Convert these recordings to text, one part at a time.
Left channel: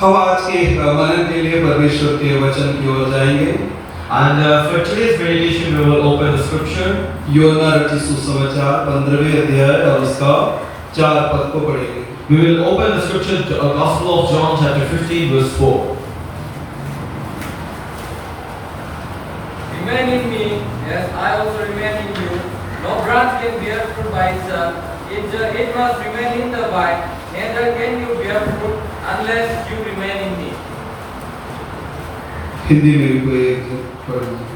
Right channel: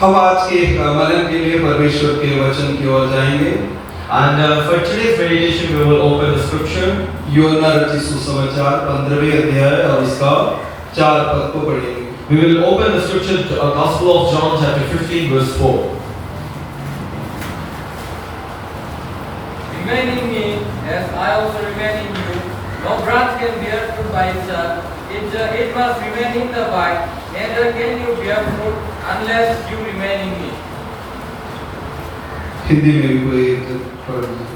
हम आज के मनन के लिए परमेश्वर के वचन की ओर जाएंगे। And for today's meditation, we will open the scripture. यूहन्ना रचित सुसमाचार 15वें अध्याय और उसका 4 पद को पढ़ेंगे। We will open the scripture to Gospel of John, chapter 15, verse 4. Remain in me, as I also remain in you. No branch can bear fruit by itself. It must remain in the vine. Neither can you bear fruit unless you remain in me. Hindi में भी कोई एक पढ़ेंगे।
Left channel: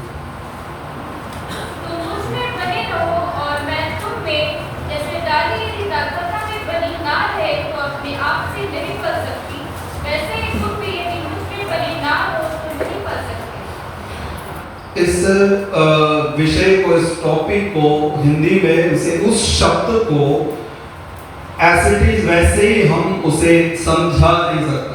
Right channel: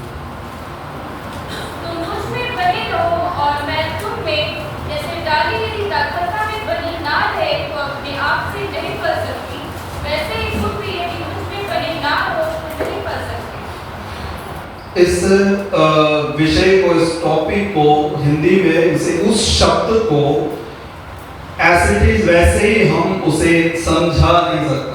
तुम मुझ में बने रहो और मैं तुम में, जैसे डाली यदि दाखलता में बनी ना रहे तो अपने आप से नहीं फल सकती, वैसे ही तुम भी यदि मुझ में बने ना हो तो नहीं फल सकते। इस विषय को, इस टॉपिक को हिंदी में इसे उस शब्द को एज इट इज वैसे ही हम उसे समझा नहीं सकता।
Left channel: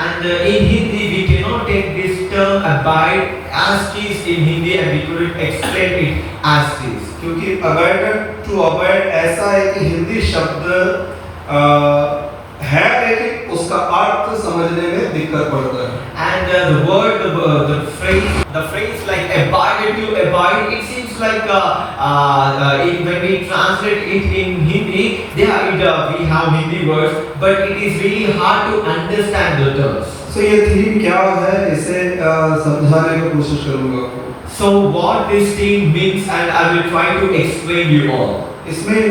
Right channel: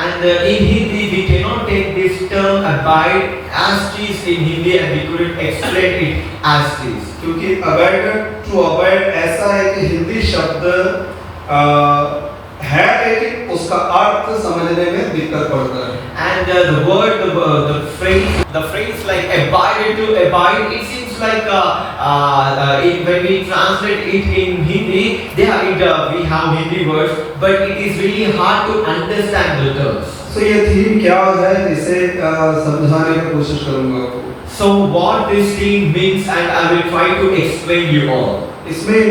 And in Hindi, we cannot take this term abide as it is in Hindi, and we couldn't explain it as it is. क्योंकि abandon to abide ऐसा एक हिंदी शब्द है, लेकिन उसका अर्थ समझने में दिक्कत पड़ता है। And the word, the phrase like abide to abide, it seems like when we translate it in Hindi, we have Hindi words, but it is really hard to understand the terms. So ये theme क्या है, इसे समझाने की कोशिश करूंगा आपको। So what this theme means, and I will try to explain you all. इसमें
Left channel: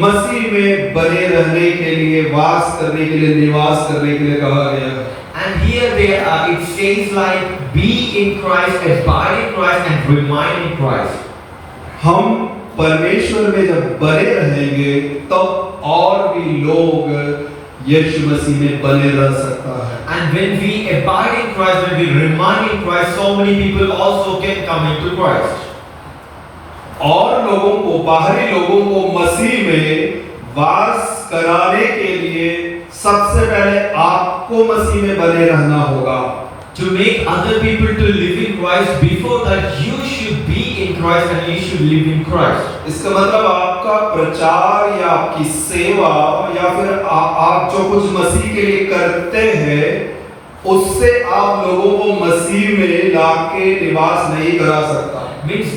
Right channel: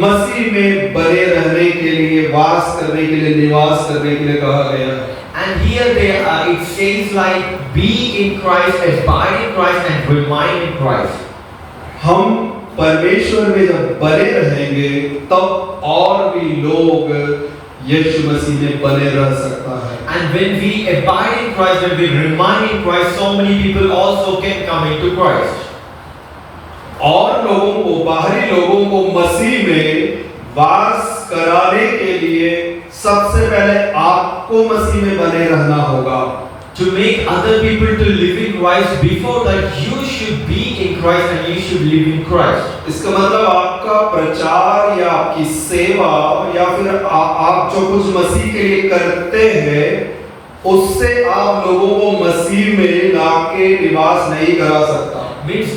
मसीह में बने रहने के लिए, वास करने के लिए, निवास करने के लिए कहा गया है। And here it says like be in Christ, abide in Christ, and remain in Christ. हम परमेश्वर में जब बने रहेंगे तब और भी लोग यीशु मसीह में बने रह सकता है। And when we abide in Christ, when we remain in Christ, so many people also can come into Christ. और लोगों को, बाहरी लोगों को मसीह में वास कराने के लिए सबसे पहले आपको मसीह में बने रहना होगा। To make other people to live in Christ, before that you should be in Christ and you should live in Christ. इसका मतलब आपका प्रचार या आपकी सेवा या फिर आप जो कुछ मसीह के लिए करते हैं, उससे आप लोगों को मसीह में लाके निवास नहीं करा सकता। Means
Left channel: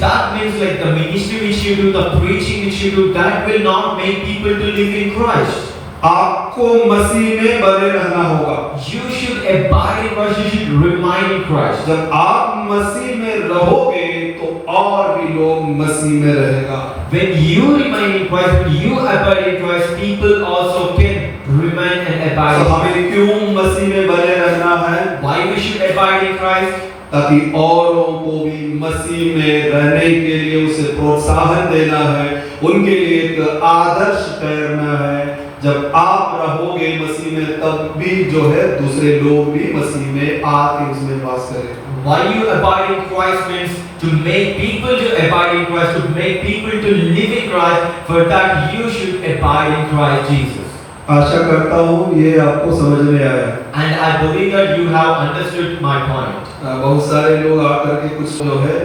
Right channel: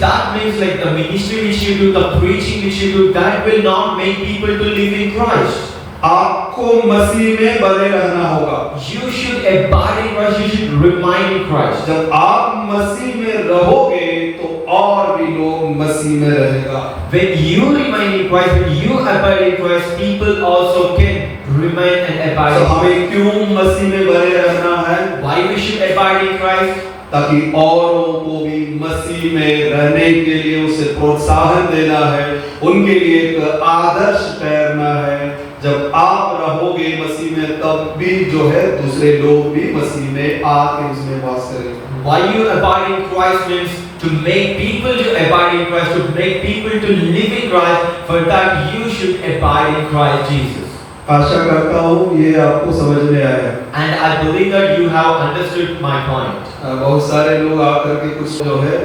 like the ministry which you do, the preaching which you do, that will not make people to live in Christ. आपको मसीह में बने रहना होगा। You should abide in Christ, you should remain in Christ. जब आप मसीह में रहोगे तो और भी लोग मसीह में रहेगा। When you remain in Christ, when you abide in Christ, people also can remain and abide तो in Christ. हमें क्यों मसीह में बने रहना है? Why we should abide in Christ? ताकि औरों को भी मसीह में रहने के लिए उसे प्रोत्साहन देना है, उनके लिए एक आदर्श ठहरना है। जब आप रहोगे मसीह में तब भी जो है दूसरे लोग भी मसीह में आके उसमें वास करेंगे। Why you abide in Christ means to make people to abide in Christ, to make people to live in Christ. For that you should abide in Christ Jesus. आशा करता हूँ ये आपको समझ में आया। And I believe that you have understood my point. बहुत सारे लोग आकर के कुछ जो है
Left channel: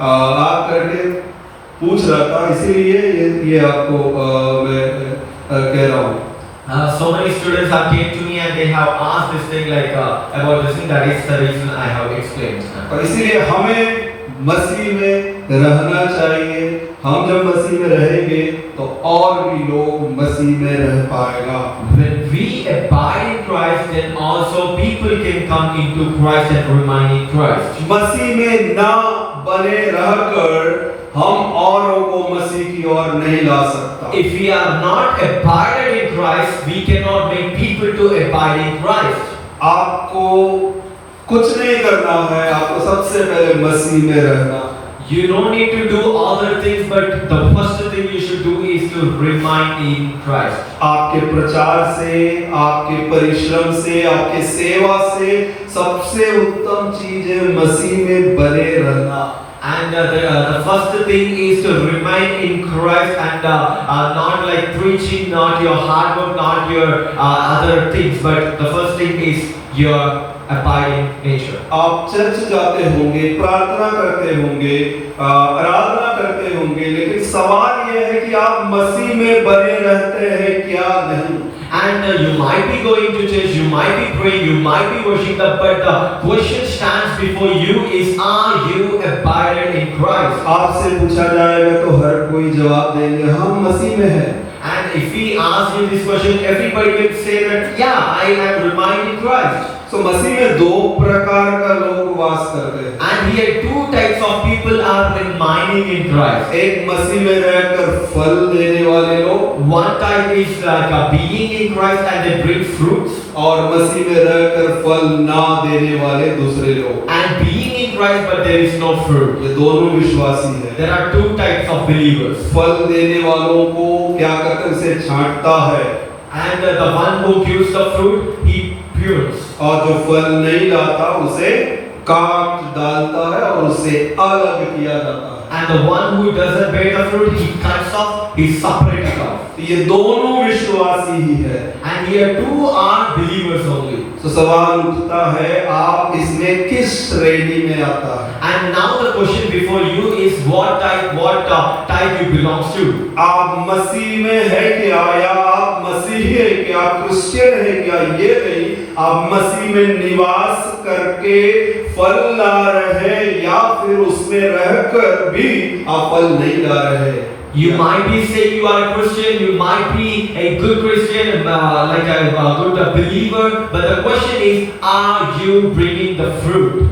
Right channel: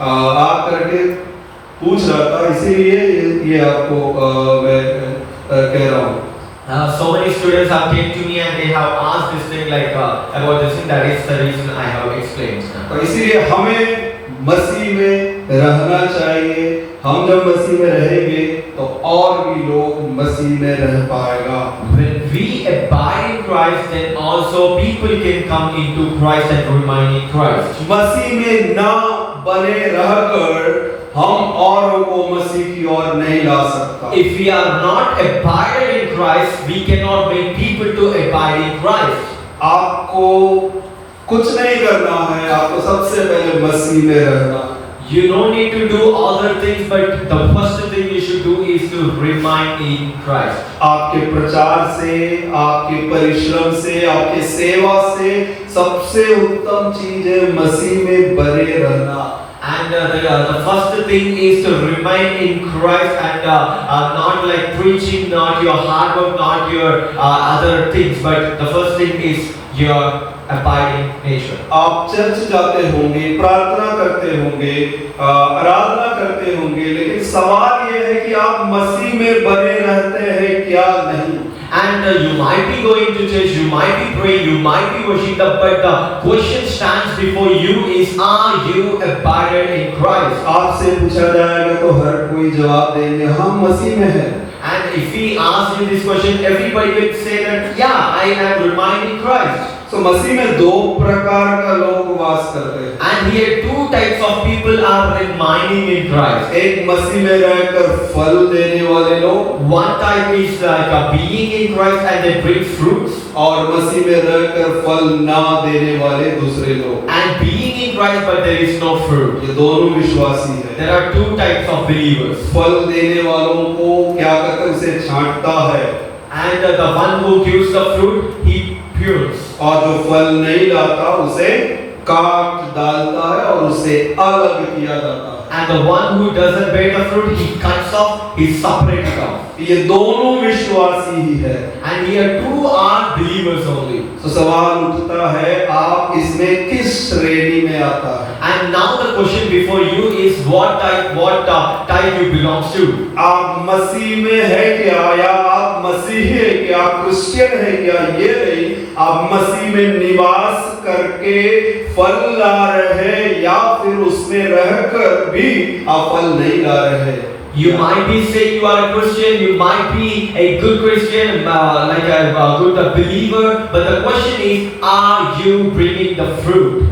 आकर के पूछ रहा था, इसीलिए ये आपको मैं कह रहा हूँ। So many students have came to me and they have asked this thing like about this thing. That is the reason I have explained. और इसीलिए हमें मसीह में रहना चाहिए। हम जब मसीह में रहेंगे तो और भी लोग मसीह में रह पाएगा। When we abide in Christ, then also people can come into Christ and remain in Christ. मसीह में ना बने रहकर हम औरों को मसीह की ओर नहीं ला सकता। If we are not abided in Christ, we cannot make people to abide in Christ. आपको कुछ नहीं करना है, आपको सबसे पहले मसीह में रहना। You don't need to do other things, but the first thing you should do is to remain in Christ. आपके प्रचार से, आपके परिश्रम से, आपके सेवा से सबसे उत्तम चीज है मसीह में बने रहना। And the first thing is to remain in Christ and not like preaching, not your hard work, not your other things, but the first thing is your abiding nature. आप चर्च जाते होंगे, प्रार्थना करते होंगे, आराधना करते होंगे, लेकिन सवाल ये है कि आप मसीह में बने रहते हैं क्या नहीं। And you might be going to church, you might be praying, you might be worshiping, but the question stands before you is, are you abided in Christ? आपसे पूछा जाएगा तो हर कोई जवाब देंगे हम मसीह में हैं। And if we ask you this question, everybody will say that, yeah, I am remained in Christ. तो मसीह में दो प्रकार का लोग वास करते हैं। And here two types of people are remaining in Christ. एक मसीह में रहकर फल देने वाले लोग, One type is like a being in Christ and they bring fruits, और मसीह में रहकर फल ना देने वाले दूसरे लोग। and being in Christ but there is no fruit. ये दोनों विश्वासी हैं। There are two types of believers. फल देने वालों को क्या करते हैं, उसे छांटता है, And the one who gives the fruit, he prunes. और जो फल नहीं लाता उसे काट डालता है और उसे अलग किया जाता है। And the one who doesn't bear the fruit, he cuts off, he separates off. ये दोनों विश्वासी ही है। And here two are believers only. तो सवाल उठता है, आप इसमें किस श्रेणी में आता है? And now the question before you is what type you belongs to. आप मसीह में है क्या, या आप मसीही है क्या, क्रिश्चियन है क्या? ये नहीं, आप मसीह में निवास करके फल ला रहे हैं या फिर उसमें रहकर भी आप फल नहीं ला रहे हैं। You might be saying you are a Christian, you might be a good Christian, like a good believer, but the question is, are you bringing the fruit?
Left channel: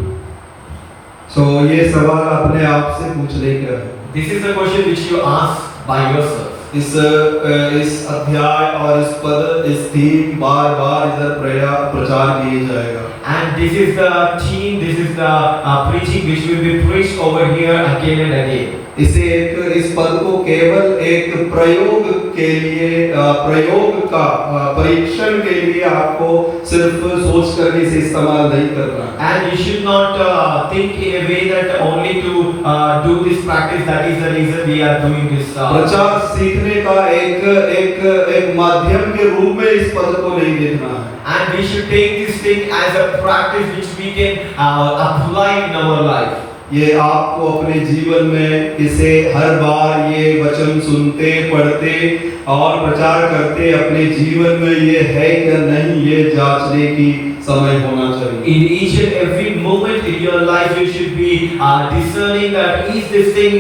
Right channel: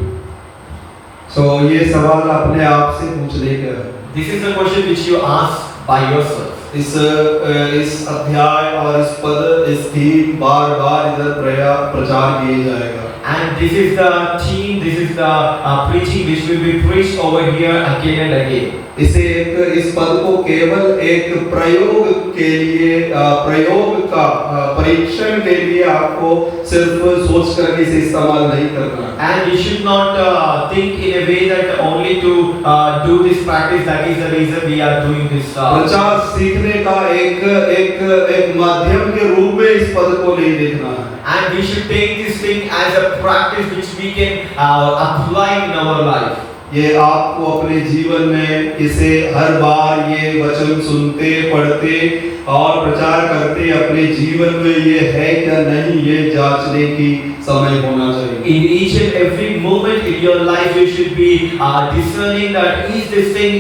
तो ये सवाल अपने आप से पूछने का है। This is the question which you ask by yourself. इस अध्याय और इस पद, इस थीम बार-बार इधर प्रचार किया जाएगा। And this is the theme, this is the preaching which will be preached over here again and again. इस पद को केवल एक प्रयोग के लिए, प्रयोग का परीक्षण के लिए आपको सिर्फ सोच करके इसे इस्तेमाल नहीं करना। And you should not think in a way that only to do this practice, that is the reason we are doing this. प्रचार सीखने का एक माध्यम के रूप में इस पद को नहीं देखना है। And we should take this thing as a practice which we can apply in our life. ये आपको अपने जीवन में इसे हर बार ये वचन सुनते, पढ़ते और प्रचार करते अपने जीवन में ये है क्या नहीं, ये जांचने की समय होना चाहिए। In each and every moment in your life, you should be discerning that is this thing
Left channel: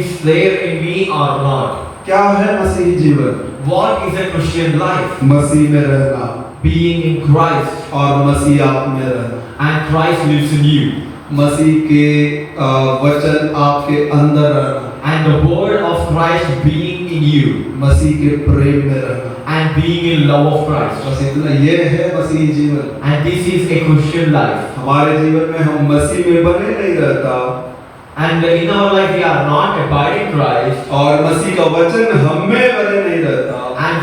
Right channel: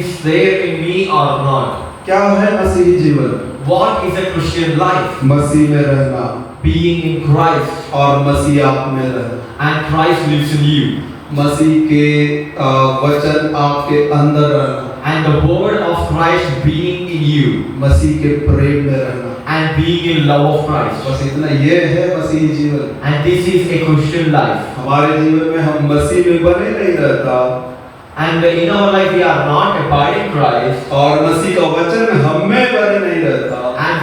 is there in me or not. क्या है मसीही जीवन? What is a Christian life? मसीह में रहना, Being in Christ, और मसीह आप में रहना, and Christ lives in you, मसीह के वचन आपके अंदर रहना, and the word of Christ being in you, मसीह के प्रेम में रहना, and being in love of Christ. बस इतना, ये है मसीही जीवन। And this is a Christian life. हमारे जीवन में हम मसीह में बने नहीं रहता, And in our life we are not abiding in Christ, और मसीह का वचन हम में बने नहीं रहता, and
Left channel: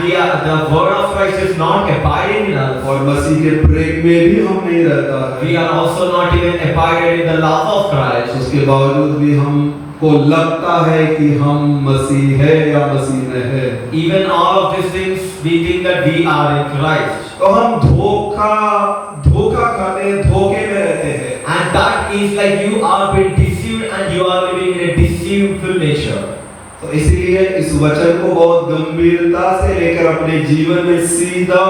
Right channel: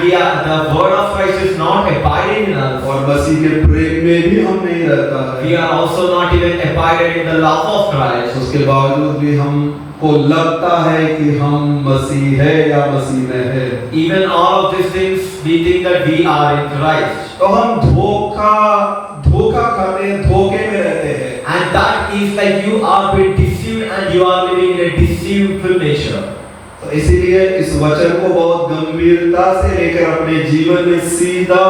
the word of Christ is not abiding in us. और मसीह के प्रेम में भी हम नहीं रहता है। We are also not even abided in the love of Christ. उसके बावजूद भी हमको लगता है कि हम मसीह है या मसीह में है। Even all of these things, we think that we are in Christ. तो हम धोखा खाते हैं, धोखे में रहते हैं। And that is like you are being deceived and you are living in a deceitful nature. तो इसीलिए इस वचन को बहुत गंभीरता से लेकर अपने जीवन में सीधा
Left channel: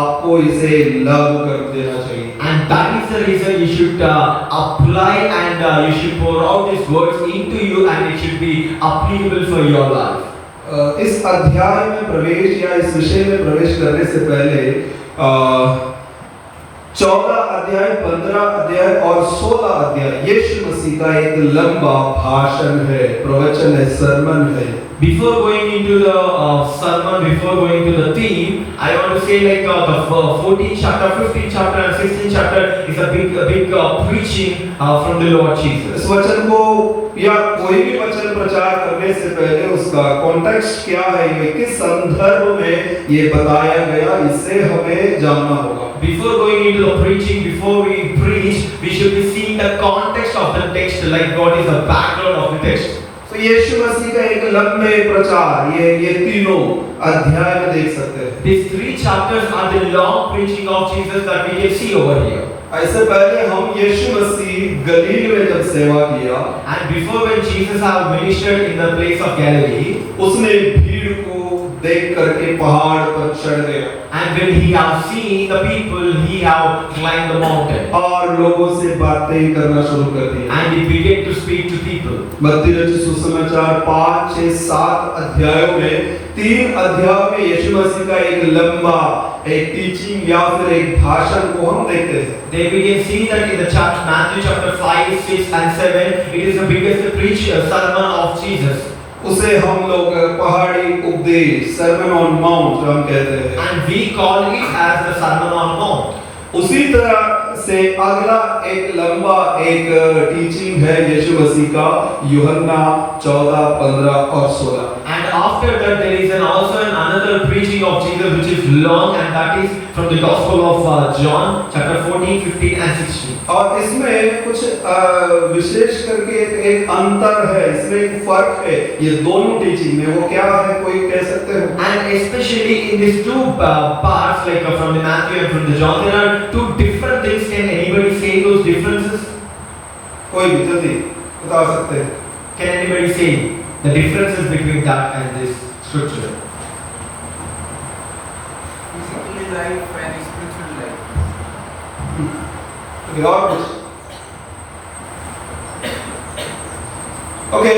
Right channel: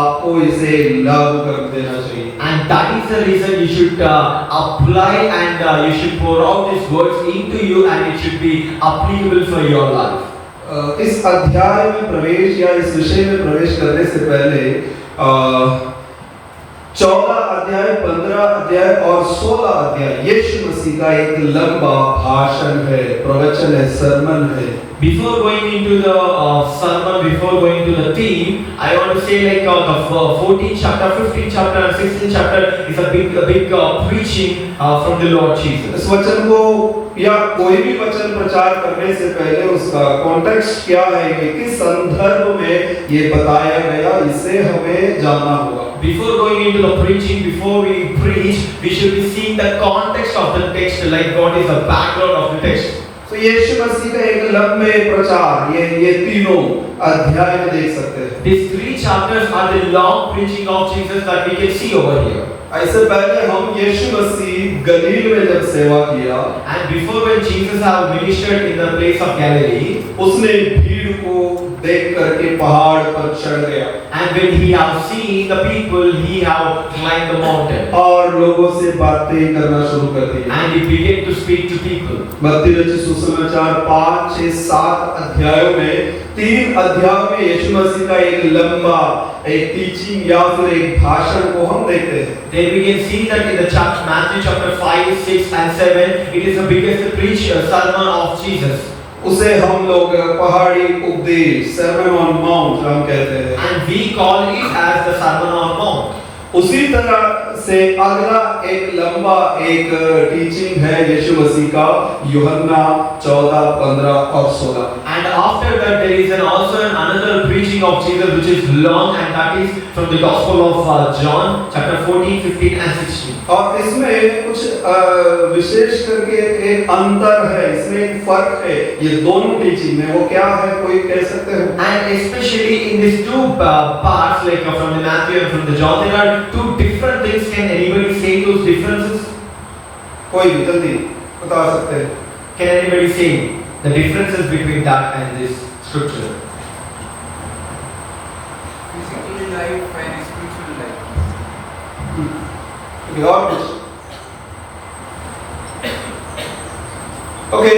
आपको इसे लागू कर देना चाहिए। And that is the reason you should apply and you should pour out these words into you, and it should be applicable for your life. इस अध्याय में प्रवेश या इस विषय में प्रवेश करने से पहले 14 अध्याय, 15 अध्याय और 16 अध्याय यीशु मसीह का एक लंबा भाषण है, प्रवचन है, सरमन है। Before going into the sermon, before going into the theme, I want to say like the 14th chapter, 15th chapter, and 16th chapter is a big preaching from the Lord Jesus. इस वचन को या कोई भी वचन प्रचार करने से पहले उसका कॉन्टेक्स्ट क्या है, ये किस संदर्भ में ये बताया गया, इससे हमें जानना होगा। Before going into the preaching, before we preach, we should be seeing the context of the text, like what is the background of the text. तो यीशु मसीह का एक लंबे प्रचार ये तीनों अध्याय में देख सकते हैं। These three chapters are the long preaching of Jesus that we can see over here. ऐसे पहले हम यीशु मसीह गलील में जब सेवा किया, And before when Jesus have ministered in the place of Galilee, उसने भीड़ को देख करके पहाड़ पर चढ़ गया And when he have seen the people, he have climbed the mountain. और लोगों से बातें करना शुरू कर दिया। And he began to speak to people. मत्ती रचित सुसमाचार 5, 6, 7 अध्यायों में 3 अध्याय में यीशु मसीह का एक लंबा एक टीचिंग या फिर एक भाषण को हम देखते हैं। Then we can see that in the chapter Matthew chapter 5, 6 and 7, it is the biggest preach sermon of Jesus. उसे हम लोग पहाड़ी उपदेश सर्मन ऑन माउंट हम कहते हैं। And we call it as the Sermon on Mount. उसी तरह से अगला एक लंबा एक टीचिंग है यीशु मसीह का यूहन्ना 14, 15 और 16। And after that there is also another preaching of Jesus which is long, and that is from the Gospel of John chapter 14, 15 and 16. और इसमें कुछ विशेष करके एक अंतर है, इसमें एक फर्क है ये दोनों टीचिंग में। वो क्या है कोई कह सकते हो? And especially in these two parts, like from the Matthew and from the John, there are two different things. Can anybody say those differences? कोई भी जल्दी बता सकते हैं? Can anybody say the differences between that and this scripture? Physical life and spiritual life. Okay, और कुछ? Okay,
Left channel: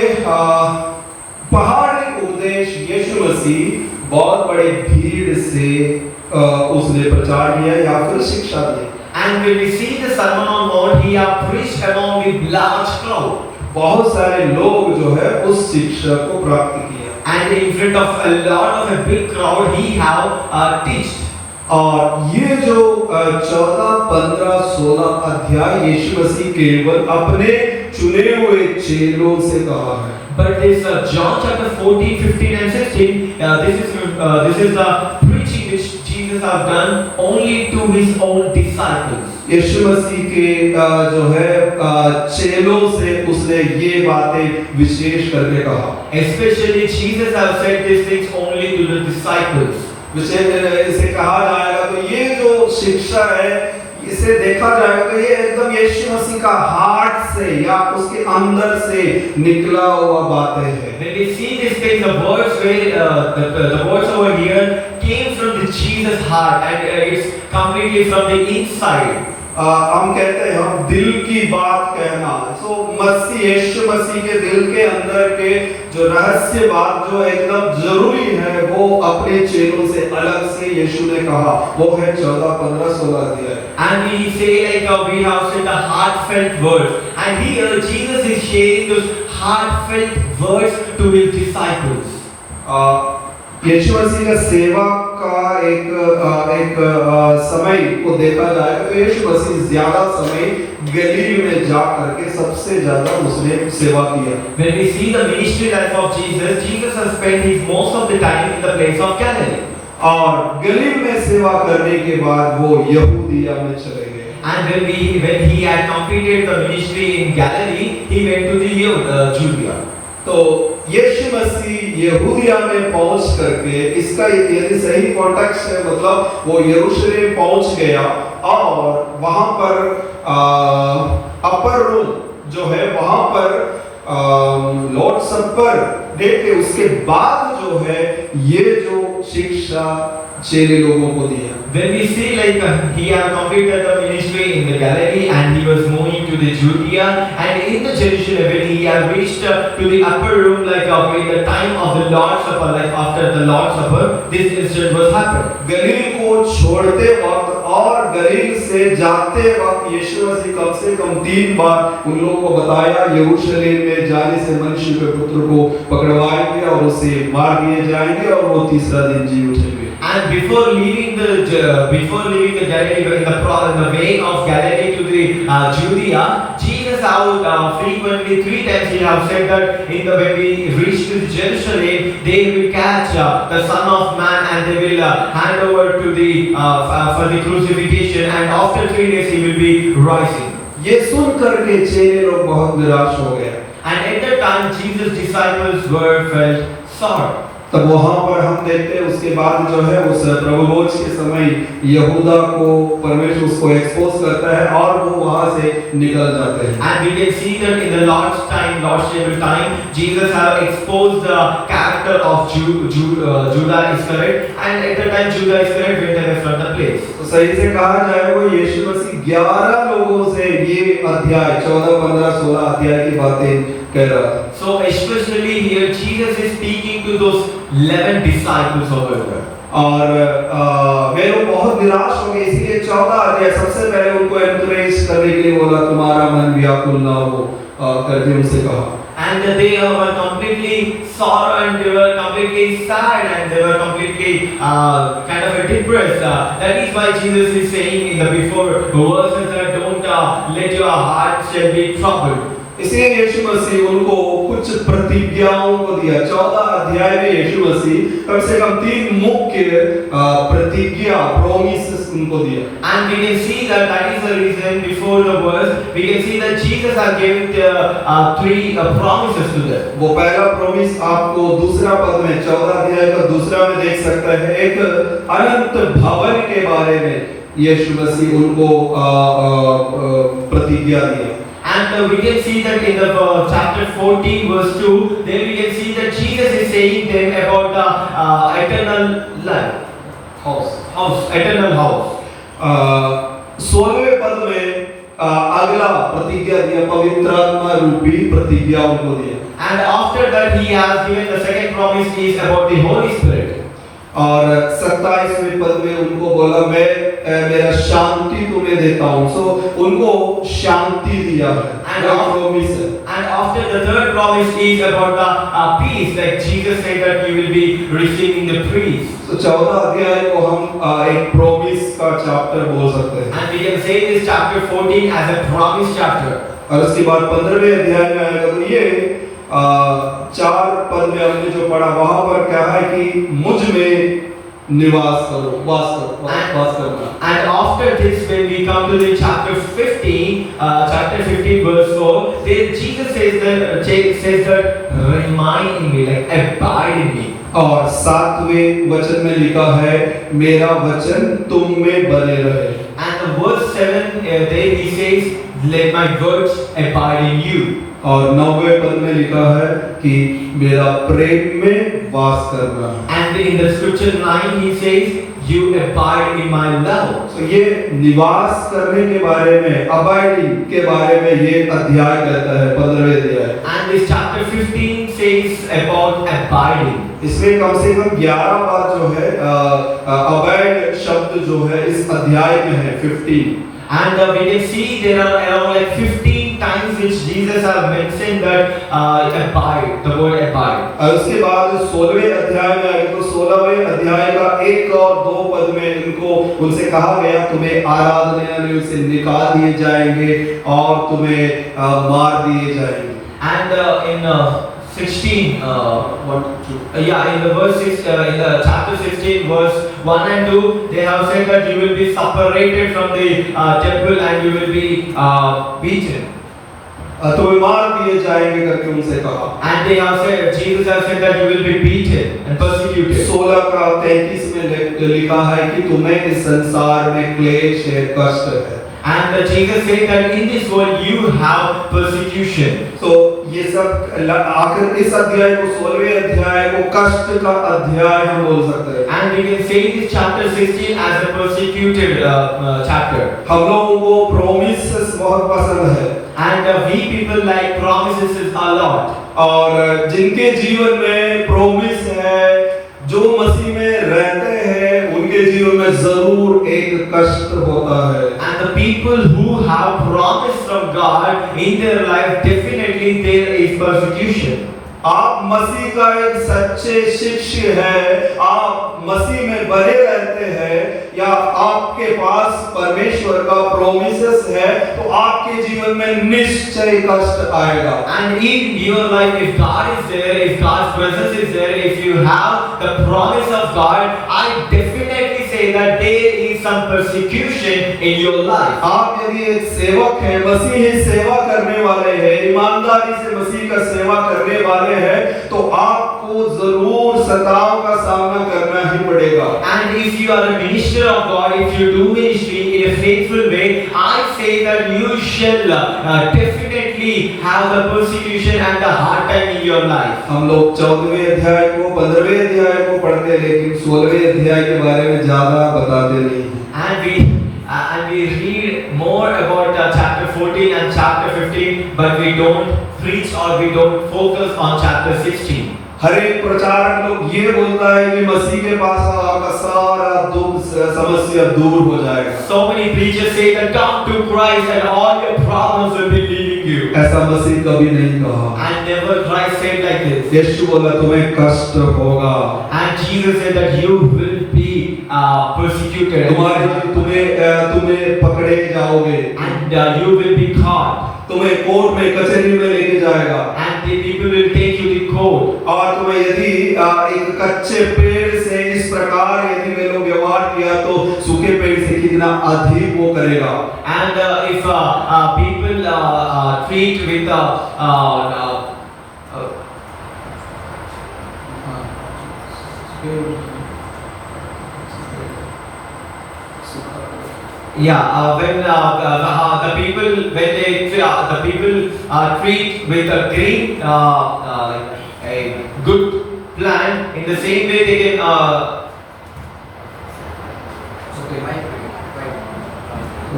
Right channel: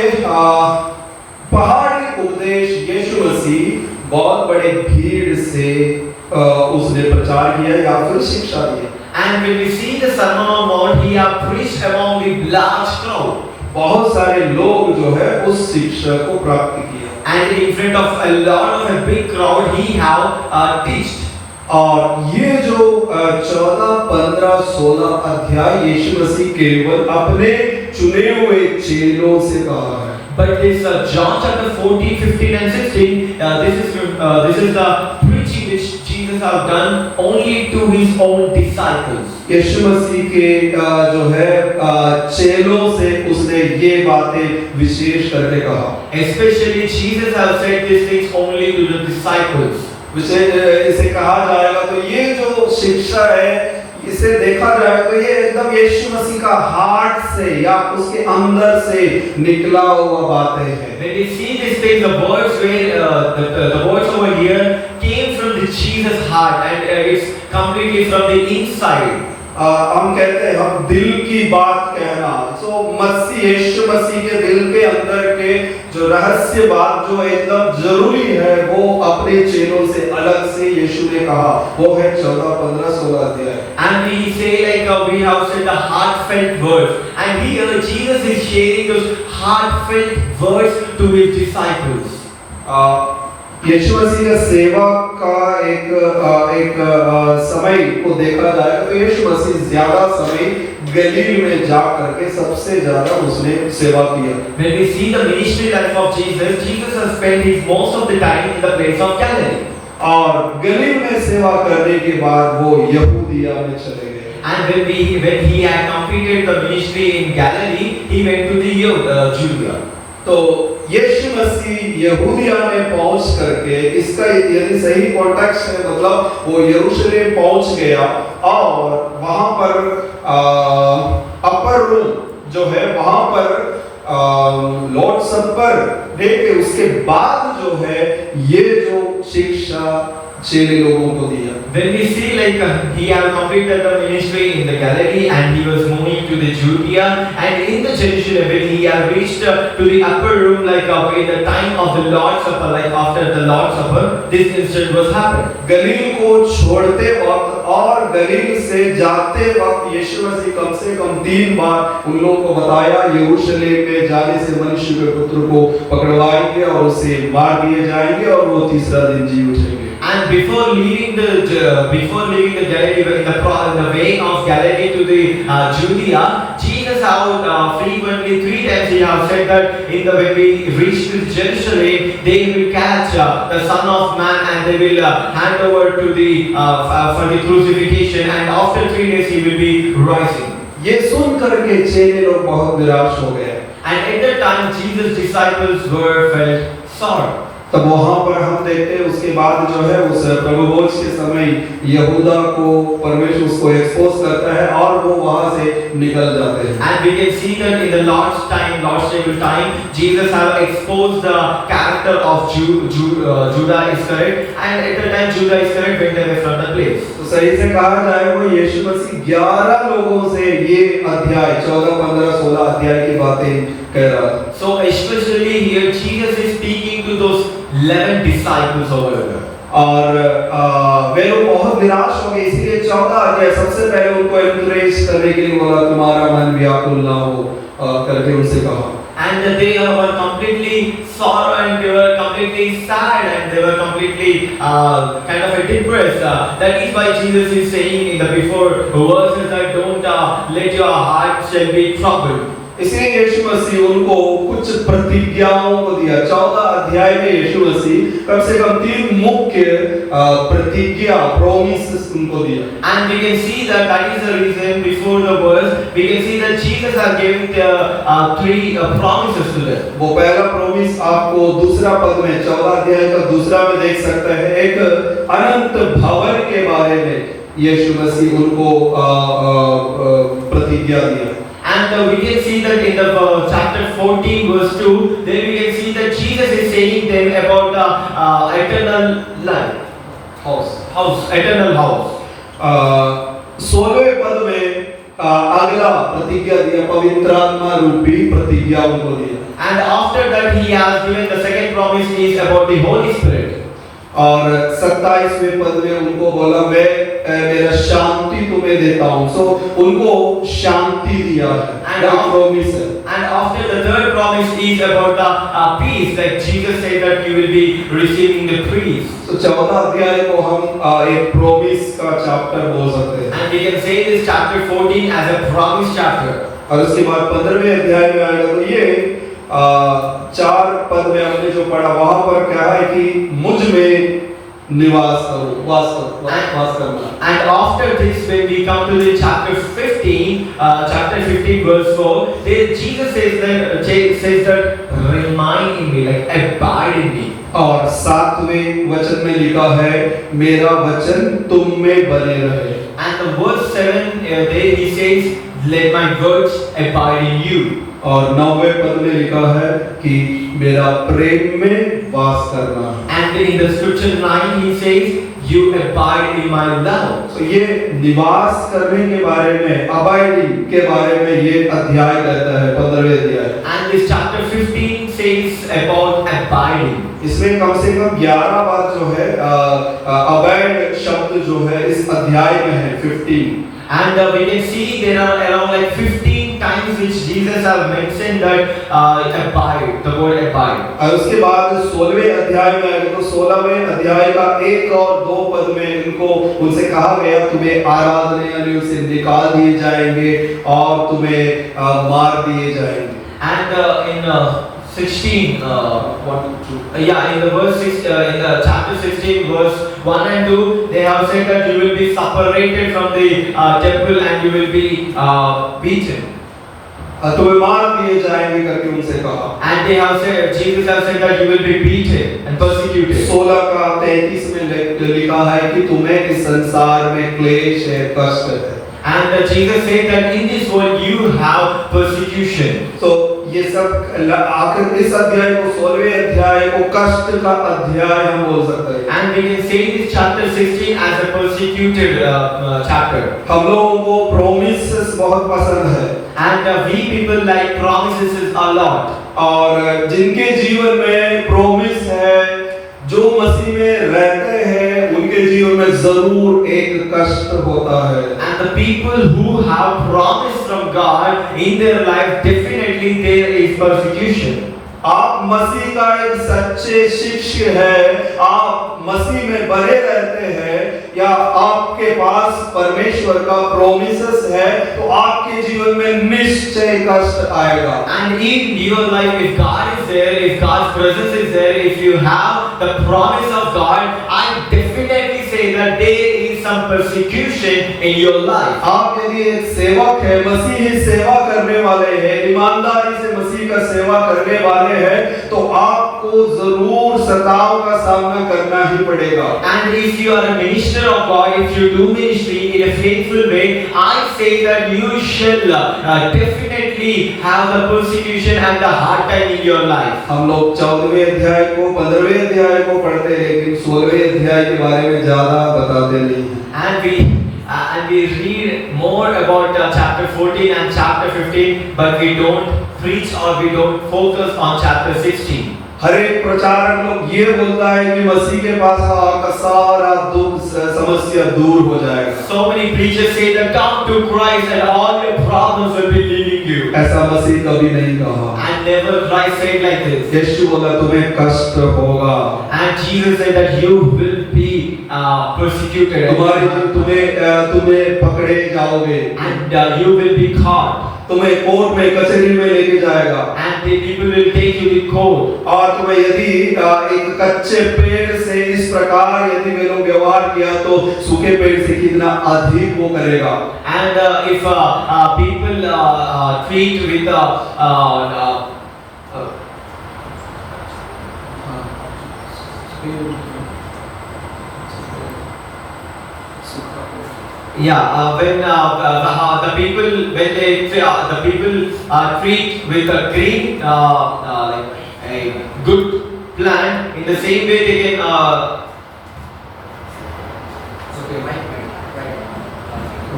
पहाड़ी उपदेश यीशु मसीह बहुत बड़े भीड़ से उसने प्रचार किया या फिर शिक्षा दी। And when we see the Sermon on Mount, he have preached among the large crowd. बहुत सारे लोग जो है उस शिक्षा को प्राप्त किया। And in front of a lot of a big crowd, he have teached. और ये जो 14, 15, 16 अध्याय यीशु मसीह केवल अपने चुने हुए चेलों से कहा है। But this John chapter 14, 15 and 16, this is the preaching which Jesus have done only to his own disciples. यीशु मसीह के जो है चेलों से उसने ये बातें विशेष करके कहा। Especially Jesus have said these things only to the disciples. विशेष इसे कहा जाएगा तो ये जो शिक्षा है इसे देखा जाएगा ये एकदम यीशु मसीह का हार्ट से या उसके अंदर से निकला हुआ बातें हैं। When we see this thing, the words where the words over here came from the Jesus heart, and it's completely from the inside. हम कहते हैं हम दिल की बात कहना, तो मसीह यीशु मसीह के दिल के अंदर के जो रहस्य बात जो एकदम जरूरी है वो अपने चेलों से अलग से यीशु ने कहा, वो है 14, 15, 16 अध्याय। And we say like we have said the heartfelt words, and here Jesus is sharing those heartfelt words to his disciples. यीशु मसीह का सेवा का एक समय को देखा जाए तो यीशु मसीह ज्यादा समय गलील में जा करके सबसे ज्यादा उसने सेवा किया। When we see the ministry life of Jesus, Jesus has spent his most of the time in the place of Galilee. और गलील में सेवा करने के बाद वो यहूदिया में चले गए। And when he had completed the ministry in Galilee, he went to the Judea. तो यीशु मसीह यहूदिया में पहुंच करके, इसका यदि सही कॉन्टेक्स्ट है मतलब वो यरूशलेम पहुंच गया और वहां पर अपर रूम जो है वहां पर लॉर्ड सपर डे के उसके बाद जो है ये जो शिक्षा चेले लोगों को दिया। When we see like he had completed the ministry in the Galilee and he was moving to the Judea, and in the Jerusalem when he had reached to the upper room like in the time of the Lord's Supper, like after the Lord's Supper, this incident was happened. गलील को छोड़ते वक्त और गलील से जाते वक्त यीशु मसीह कम से कम 3 बार उन लोगों को बताया यरूशलेम में जाने से मनुष्य के पुत्र को पकड़वाएंगे और उसे मार दिए जाएंगे और वो तीसरा दिन जी उठेंगे। And before leaving the Galilee, in the way of Galilee to the Judea, Jesus out frequently 3 times he have said that when we reach to Jerusalem, they will catch the Son of Man and they will hand over to the for the crucifixion, and after 3 days he will be rising. ये सुन करके चेले लोग बहुत निराश हो गए। And at that time Jesus' disciples were felt sorrow. तब वहां पर हम देखते हैं उसके बाद जो है उस प्रभु भोज के समय यहूदा को परमेश्वर उसको एक्सपोज करता है और वो वहां से निकल जाते हैं। And we can see that in the Lord's time, Lord's table time, Jesus have exposed the character of Judah Iscariot, and at that time Judah Iscariot went away from the place. तो सही से कहा जाए वो यीशु मसीह 11 लोगों से ये अध्याय 14, 15, 16 अध्याय की बातें कह रहा था। So especially here Jesus is speaking to those 11 disciples over there. और वे लोग बहुत निराश हो गए, इसीलिए 14 अध्याय सबसे पहले उनको एनकरेज करने के लिए बोला तुम्हारा मन व्याकुल ना हो करके उनसे कहा। And they were completely sorrow and they were completely sad and they were completely kind of depressed. That is why Jesus is saying in the before verses that don't let your hearts be troubled. इसलिए यीशु मसीह उनको कुछ प्रतिज्ञाओं को दिया। 14 अध्याय में यीशु मसीह कम से कम 3 मुख्य प्रतिज्ञा प्रोमिसेस उनको दिया। And we can see that is the reason before the verse we can see that Jesus has given 3 promises to them. वो पहला प्रॉमिस आपको दूसरा पद में 14 अध्याय का दूसरा में देख सकते हैं। एक अनंत भवन के बारे में यीशु मसीह उनको प्रतिज्ञा दिया। And we can see that in the chapter 14 verse 2, then we can see that Jesus is saying them about the eternal life, eternal house. 16वें पद में अगला प्रतिज्ञा दिया, पवित्र आत्मा रूपी प्रतिज्ञा उनको दिया। And after that he has given the second promise is about the Holy Spirit. और 27वें पद में उनको बोला मैं मेरा शांति तुम्हें देता हूँ। सो उनको शांति दिया है। And after the third promise is about the peace, like Jesus said that you will be receiving the peace. तो 14 अध्याय को हम एक प्रॉमिस का चैप्टर बोल सकते हैं। And we can say this chapter 14 as a promise chapter. और उसके बाद 15वें अध्याय में आएगा तो ये 4 पद में हमने जो पढ़ा वहां पर क्या है कि मुझ में निवास करो, वास करो। And after this, when we come to the chapter 15 verse 4, there Jesus says that remain in me, like abide in me. और 7वें वचन में लिखा है मेरा वचन तुम में बने रहे। And the verse 7 there he says let my words abide in you. और 9वें पद में लिखा है कि मेरा प्रेम में वास करना। And in the scripture 9 he says you abide in my love. तो ये निवास करने के बारे में, अबाइडिंग के बारे में ये अध्याय कहता है 15वें अध्याय। And this chapter 15 says about abiding. इसमें कम से कम 11 बार जो है अबाइड शब्द जो है इस अध्याय में है 15। And we can see there are around like 15 times which Jesus have mentioned that abide, the word abide. और उसके बाद 16वें अध्याय में आगे तो 16वें अध्याय का 1 और 2 पद में इनको उनसे कहा गया तुम्हें आराधनालयों से निकाल दिए जाएंगे और तुम्हें मार दिए जाएंगे। And in 16 in the verse 6 in the chapter 16 verse 1 and 2 they have said that you will be separated from the temple and you will be beaten. तुम्हें मार दिए जाएंगे करके उनसे कहा। And they have said Jesus has said that you will be beaten and persecuted. 16 का 33 में लिखा है कि तुम्हें इस संसार में क्लेश है, कष्ट है। And Jesus said that in this world you have persecution. तो ये सब आखिर इस अध्याय को 16वें अध्याय को कष्ट का अध्याय हम बोल सकते हैं। And we can say this chapter 16 as a persecuted chapter. हम लोगों को प्रोमिसेस बहुत पसंद है। And we people like promises a lot. और जिनके जीवन में प्रोमिस है, जो मसीह में रहते हैं, उनके जीवन में जरूर एक कष्ट होता है। And the people who have promise from God in their life, definitely there is persecution. आप मसीह का एक सच्चे शिष्य है, आप मसीह में बने रहते हैं या आपके पास परमेश्वर का प्रोमिसेस है तो आपके जीवन में निश्चय कष्ट आएगा। And in your life, if God is there, if God's presence is there, if you have the promise of God, I definitely say that there is some persecution in your life. आप यदि एक सेवक है, मसीही सेवा करने वाले हैं, ईमानदारी से मसीह का सेवा करने वाले हैं, तो आपको जरूर कष्टताओं का सामना करना ही पड़ेगा। And if you are a minister of God, if you do ministry in a faithful way, I say that you shall definitely have the persecution and the hard time in your life. हम लोग 14वें अध्याय को 15वें अध्याय को पढ़ते हैं, लेकिन 16वें अध्याय के बारे में ज्यादा बताते नहीं हैं। And we read more about chapter 14 and chapter 15, but we don't preach or we don't focus on chapter 16. हर एक प्रचारक लोग ये बोलता है कि मसीह के पास आपका सारा दुख समस्या दूर हो जाएगा। So many preachers say that come to Christ and all your problems will be leaving you. ऐसा मसीह कभी नहीं कहा। And never Christ said like this. यीशु बोला तुम्हें कष्ट होगा। And Jesus said that you will be persecuted. तुम्हें पकड़े जाओगे। And you will be caught. तुम्हें कोर्ट में कचहरी में लेके जाएगा। And the people will take you to court. और तुम्हें यदि एक कच्चे पेड़ से इस प्रकार यदि वे लोग व्यवहार किया तो सूखे पेड़ से कितना अधिक वो करेगा। And if people treat with when the people treat with a green like a good plant, in the same way they can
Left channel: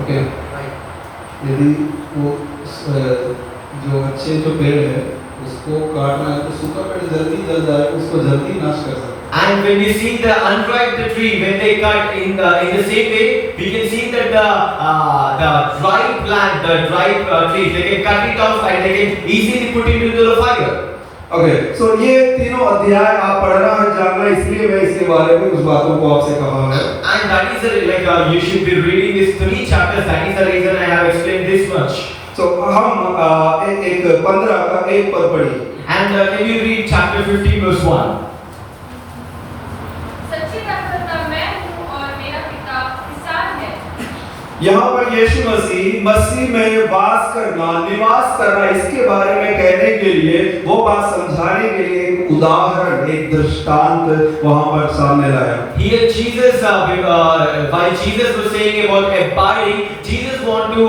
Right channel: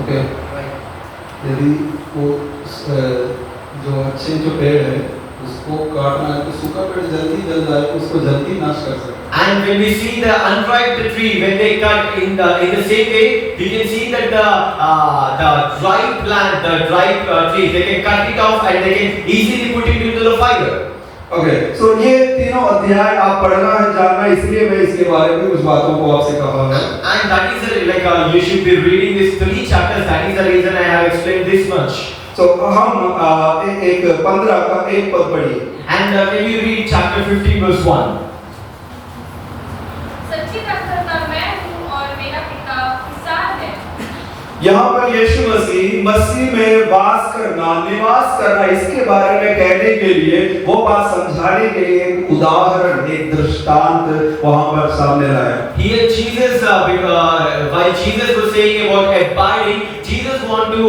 okay यदि वो जो अच्छे जो पेड़ है उसको काटना है तो सूखा पेड़ जल्दी जल जाए, उसको जल्दी नाश कर सकते हैं। And when we see the unripe tree, when they cut in the same way, we can see that the dry plant, the dry tree, they can cut it off and they can easily put it into the fire. Okay, so ये तीनों अध्याय आप पढ़ना है, जानना, इसलिए मैं इसके बारे में कुछ बातों को आपसे कहा है। And that is like you should be reading these 3 chapters. That is the reason I have explained this much. So हम एक 15 का एक पद पढ़िए। And can you read chapter 15 verse 1? सच्ची दाखलता मैं हूँ और मेरा पिता किसान है। यहाँ पर यीशु मसीह में वास करना, निवास करना, इसके बारे में कहने के लिए, वो बात समझाने के लिए एक उदाहरण, एक दृष्टांत वहाँ पर सामने लाया। Here Jesus, while Jesus was saying about abiding, Jesus want to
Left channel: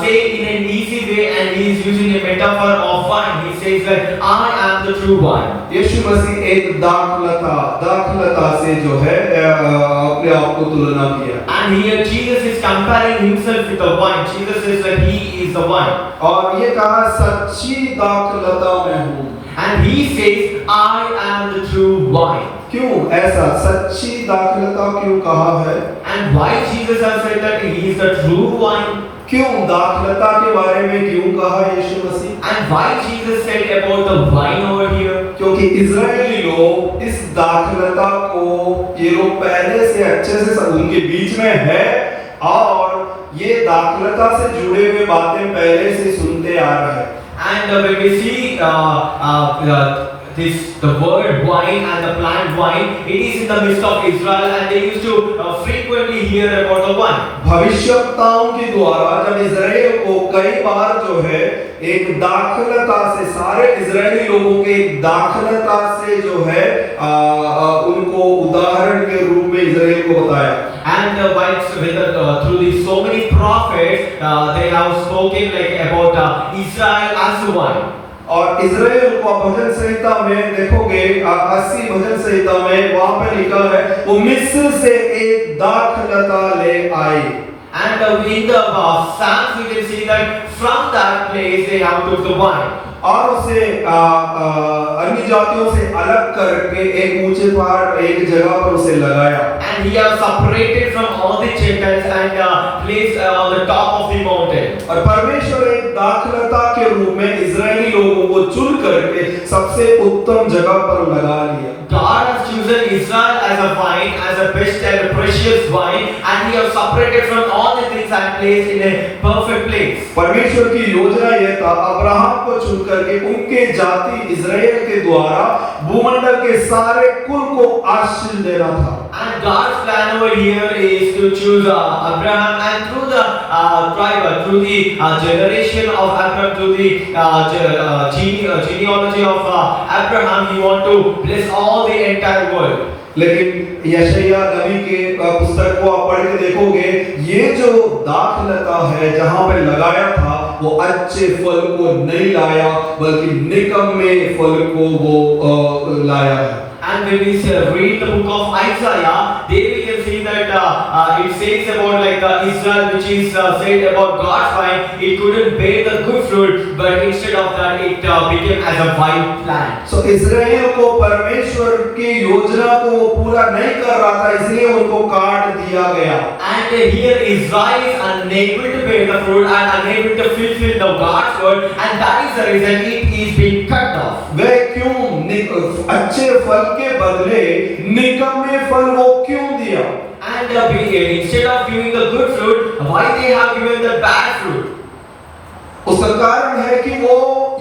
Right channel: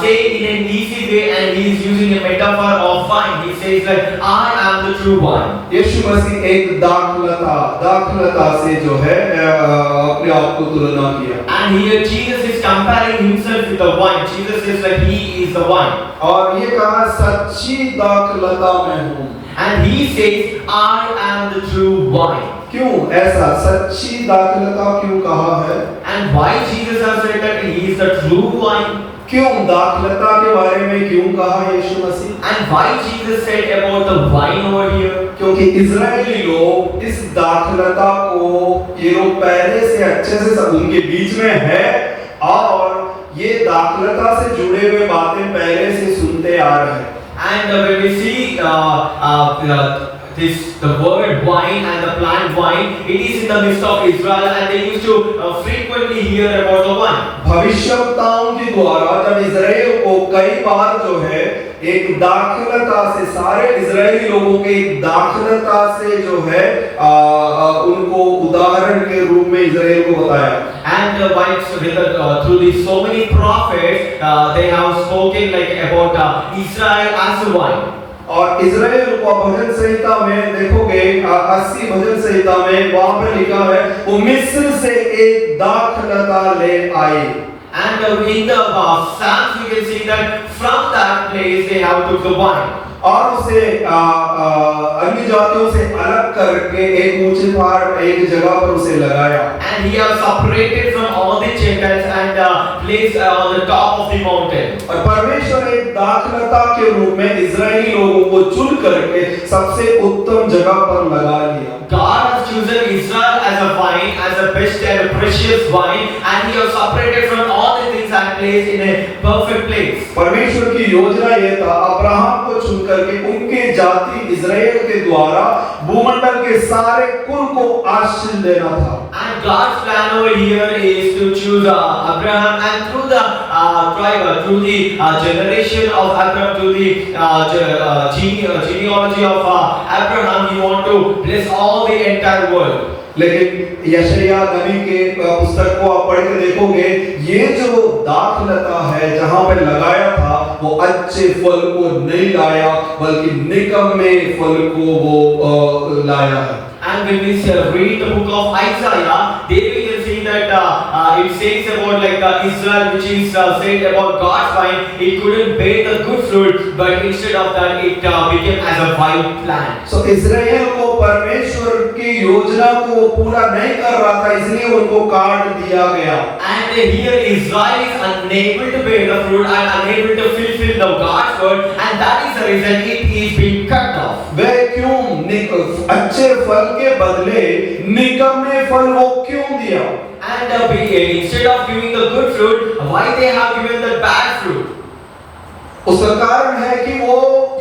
say in an easy way, and he is using a metaphor of wine. He says that I am the true wine. यीशु मसीह एक दाखलता से जो है अपने आप को तुलना किया। And here Jesus is comparing himself with the wine. Jesus says that he is the wine. और ये कहा सच्ची दाखलता मैं हूँ। And he says I am the true wine. क्यों ऐसा सच्ची दाखलता क्यों कहा है? And why Jesus has said that he is the true wine? क्यों दाखलता के बारे में क्यों कहा यीशु मसीह? And why Jesus said about the wine over here? क्योंकि इजरायली लोग इस दाखलता को ये लोग पहले से अच्छे से सब उनके बीच में है और ये दाखलता से जुड़े हुए बातें पहले से सुनते आ रहे हैं। And when we see the word wine and the plant wine, it is in the midst of Israel, and they used to frequently hear about the wine. भविष्यवक्ताओं के द्वारा जब इजराइल को कई बार जो है एक दाखलता से, सारे इजरायली लोगों के एक दाखलता से जो है उनको उदाहरण के रूप में इजराइल को बताया। And through these so many prophets, they have spoken like about Israel as a wine. और इजराइल को भजन संहिता में देखोगे 80 भजन संहिता में वहां पर लिखा है वो मिस्र से एक दाखलता ले आए। And in the Psalms we can see that from that place they have took the wine. और उसे अन्य जातियों से अलग करके एक ऊंचे पहाड़ एक जगह पर उसे लगाया। And he has separated from all the Gentiles and placed on the top of the mountain. और परमेश्वर एक दाखलता के रूप में इजरायली लोगों को चुन करके सबसे उत्तम जगह पर लगा लिया। God has chosen Israel as a wine, as a best and a precious wine, and he has separated from all the things and place in a perfect place. परमेश्वर की योजना यह था अब्राहम को चुन करके उनके जाति इजराइल के द्वारा भूमंडल के सारे कुल को आशीष देना था। And God's plan over here is to choose Abraham, and through the tribe, through the generation of Abraham, through the genealogy of Abraham, He want to bless all the entire world. लेकिन यशायाह नबी के पुस्तक को आप पढ़ के देखोगे, ये जो दाखलता है जहां पे लगाया था वो अच्छे फल को नहीं लाया बल्कि निकम्मे फल को वो लाया है। And when we read the book of Isaiah, there we can see that it says about like Israel, which is said about God's vine, it couldn't bear the good fruit, but instead of that, it became as a wild plant. So इस्राएल को परमेश्वर की योजना को वो पूरा नहीं कर रहा था, इसलिए उनको काट दिया गया। And here Israel is unable to bear the fruit and unable to fulfill the God's word, and that is the reason it is being cut off. वे क्यों अच्छे फल के बदले निकम्मे फल वो क्यों दिया? And instead of giving the good fruit, why they have given the bad fruit? उसका कारण है कि वो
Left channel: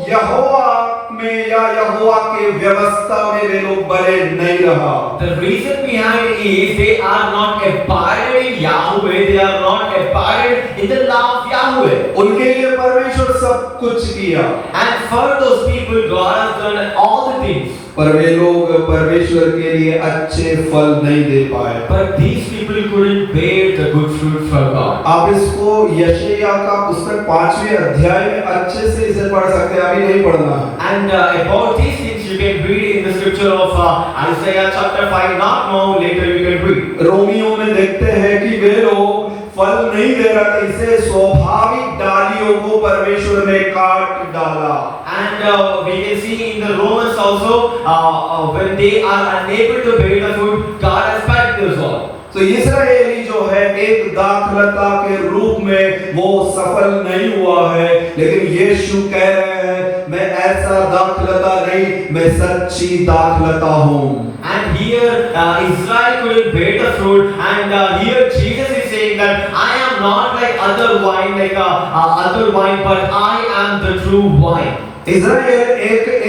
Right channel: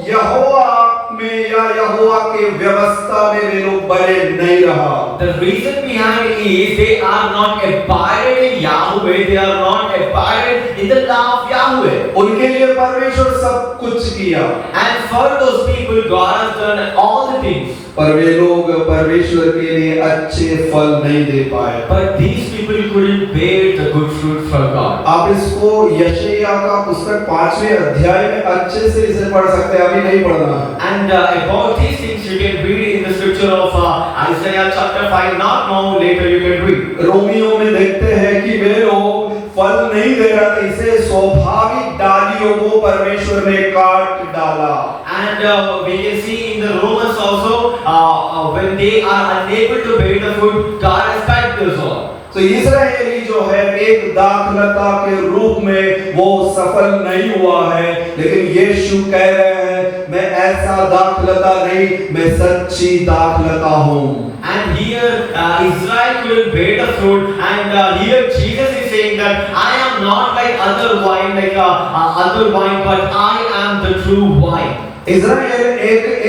यहोवा में या यहोवा के व्यवस्था में वे लोग बने नहीं रहा। The reason behind it is they are not abided in Yahweh, they are not abided in the law of Yahweh. उनके लिए परमेश्वर सब कुछ किया, And for those people, God has done all the things. पर वे लोग परमेश्वर के लिए अच्छे फल नहीं दे पाए। But these people couldn't bear the good fruit from God. आप इसको यशायाह का पुस्तक 5वें अध्याय में अच्छे से इसे पढ़ सकते हैं, अभी नहीं पढ़ना है। And about these things you can read in the scripture of Isaiah chapter 5, not now, later you can read. Romeo में देखते हैं कि वे लोग फल नहीं दे रहा था, इसे स्वाभाविक डालियों को परमेश्वर ने काट डाला। And we can see in the Romans also, when they are unable to bear the fruit, God has cut this off. तो इस्राएली जो है एक दाखलता के रूप में वो सफल नहीं हुआ है, लेकिन यीशु कह रहे हैं मैं ऐसा दाखलता नहीं, मैं सच्ची दाखलता हूँ। And here Israel couldn't bear the fruit, and here Jesus is saying that I am not like other wine, but I am the true wine. इस्राएल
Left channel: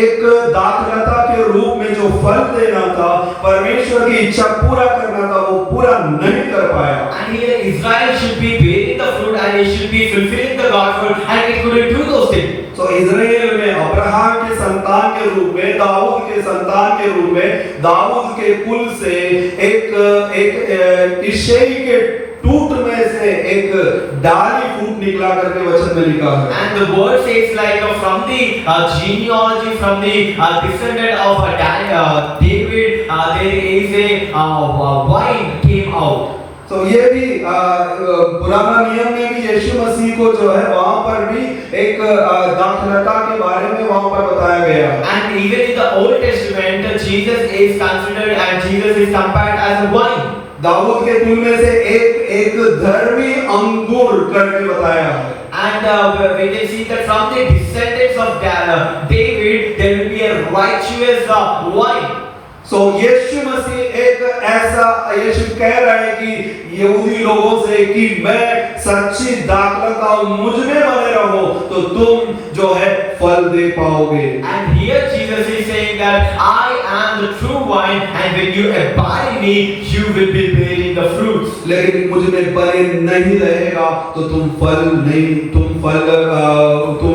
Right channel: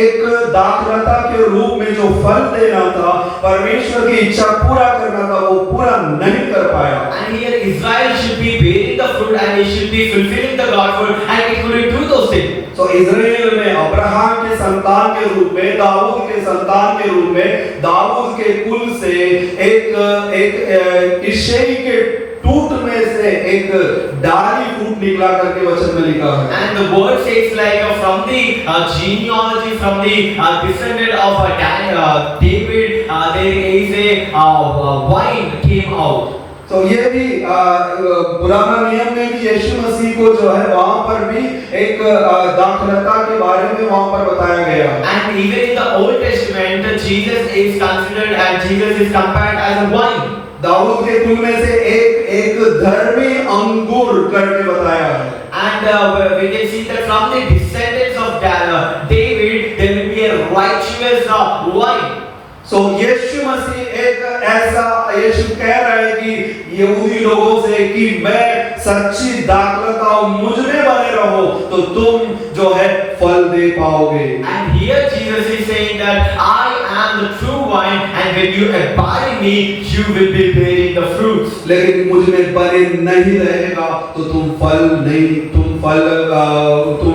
एक दाखलता के रूप में जो फल देना था, परमेश्वर की इच्छा पूरा करना था, वो पूरा नहीं कर पाया। And here Israel should be bearing the fruit and it should be fulfilling the God's word, and it couldn't do those things. तो इस्राएल में अब्राहम के संतान के रूप में, दाऊद के संतान के रूप में, दाऊद के कुल से एक इशई के टूट में से एक डाली फूट निकला करके वचन में लिखा है। And the word says like from the genealogy, from the descendant of David, there is a vine came out. तो ये भी पुराना नियम में भी यीशु मसीह को जो है वहां पर भी एक दाखलता के बारे में वहां पर बताया गया। And even in the Old Testament, Jesus is considered and Jesus is compared as a wine. Dawood के कुल में से एक धर्मी अंगूर करके बताया है। And we can see that from the descendants of David, there will be a righteous wine. So यीशु मसीह एक ऐसा, यीशु कह रहे हैं कि यहूदी लोगों से कि मैं सच्ची दाखलता हूं, मुझ में बने रहो तो तुम जो है फल दे पाओगे। And here Jesus is saying that I am the true wine, and when you abide in me, you will be bearing the fruits. लेकिन मुझ में बने नहीं रहेगा तो तुम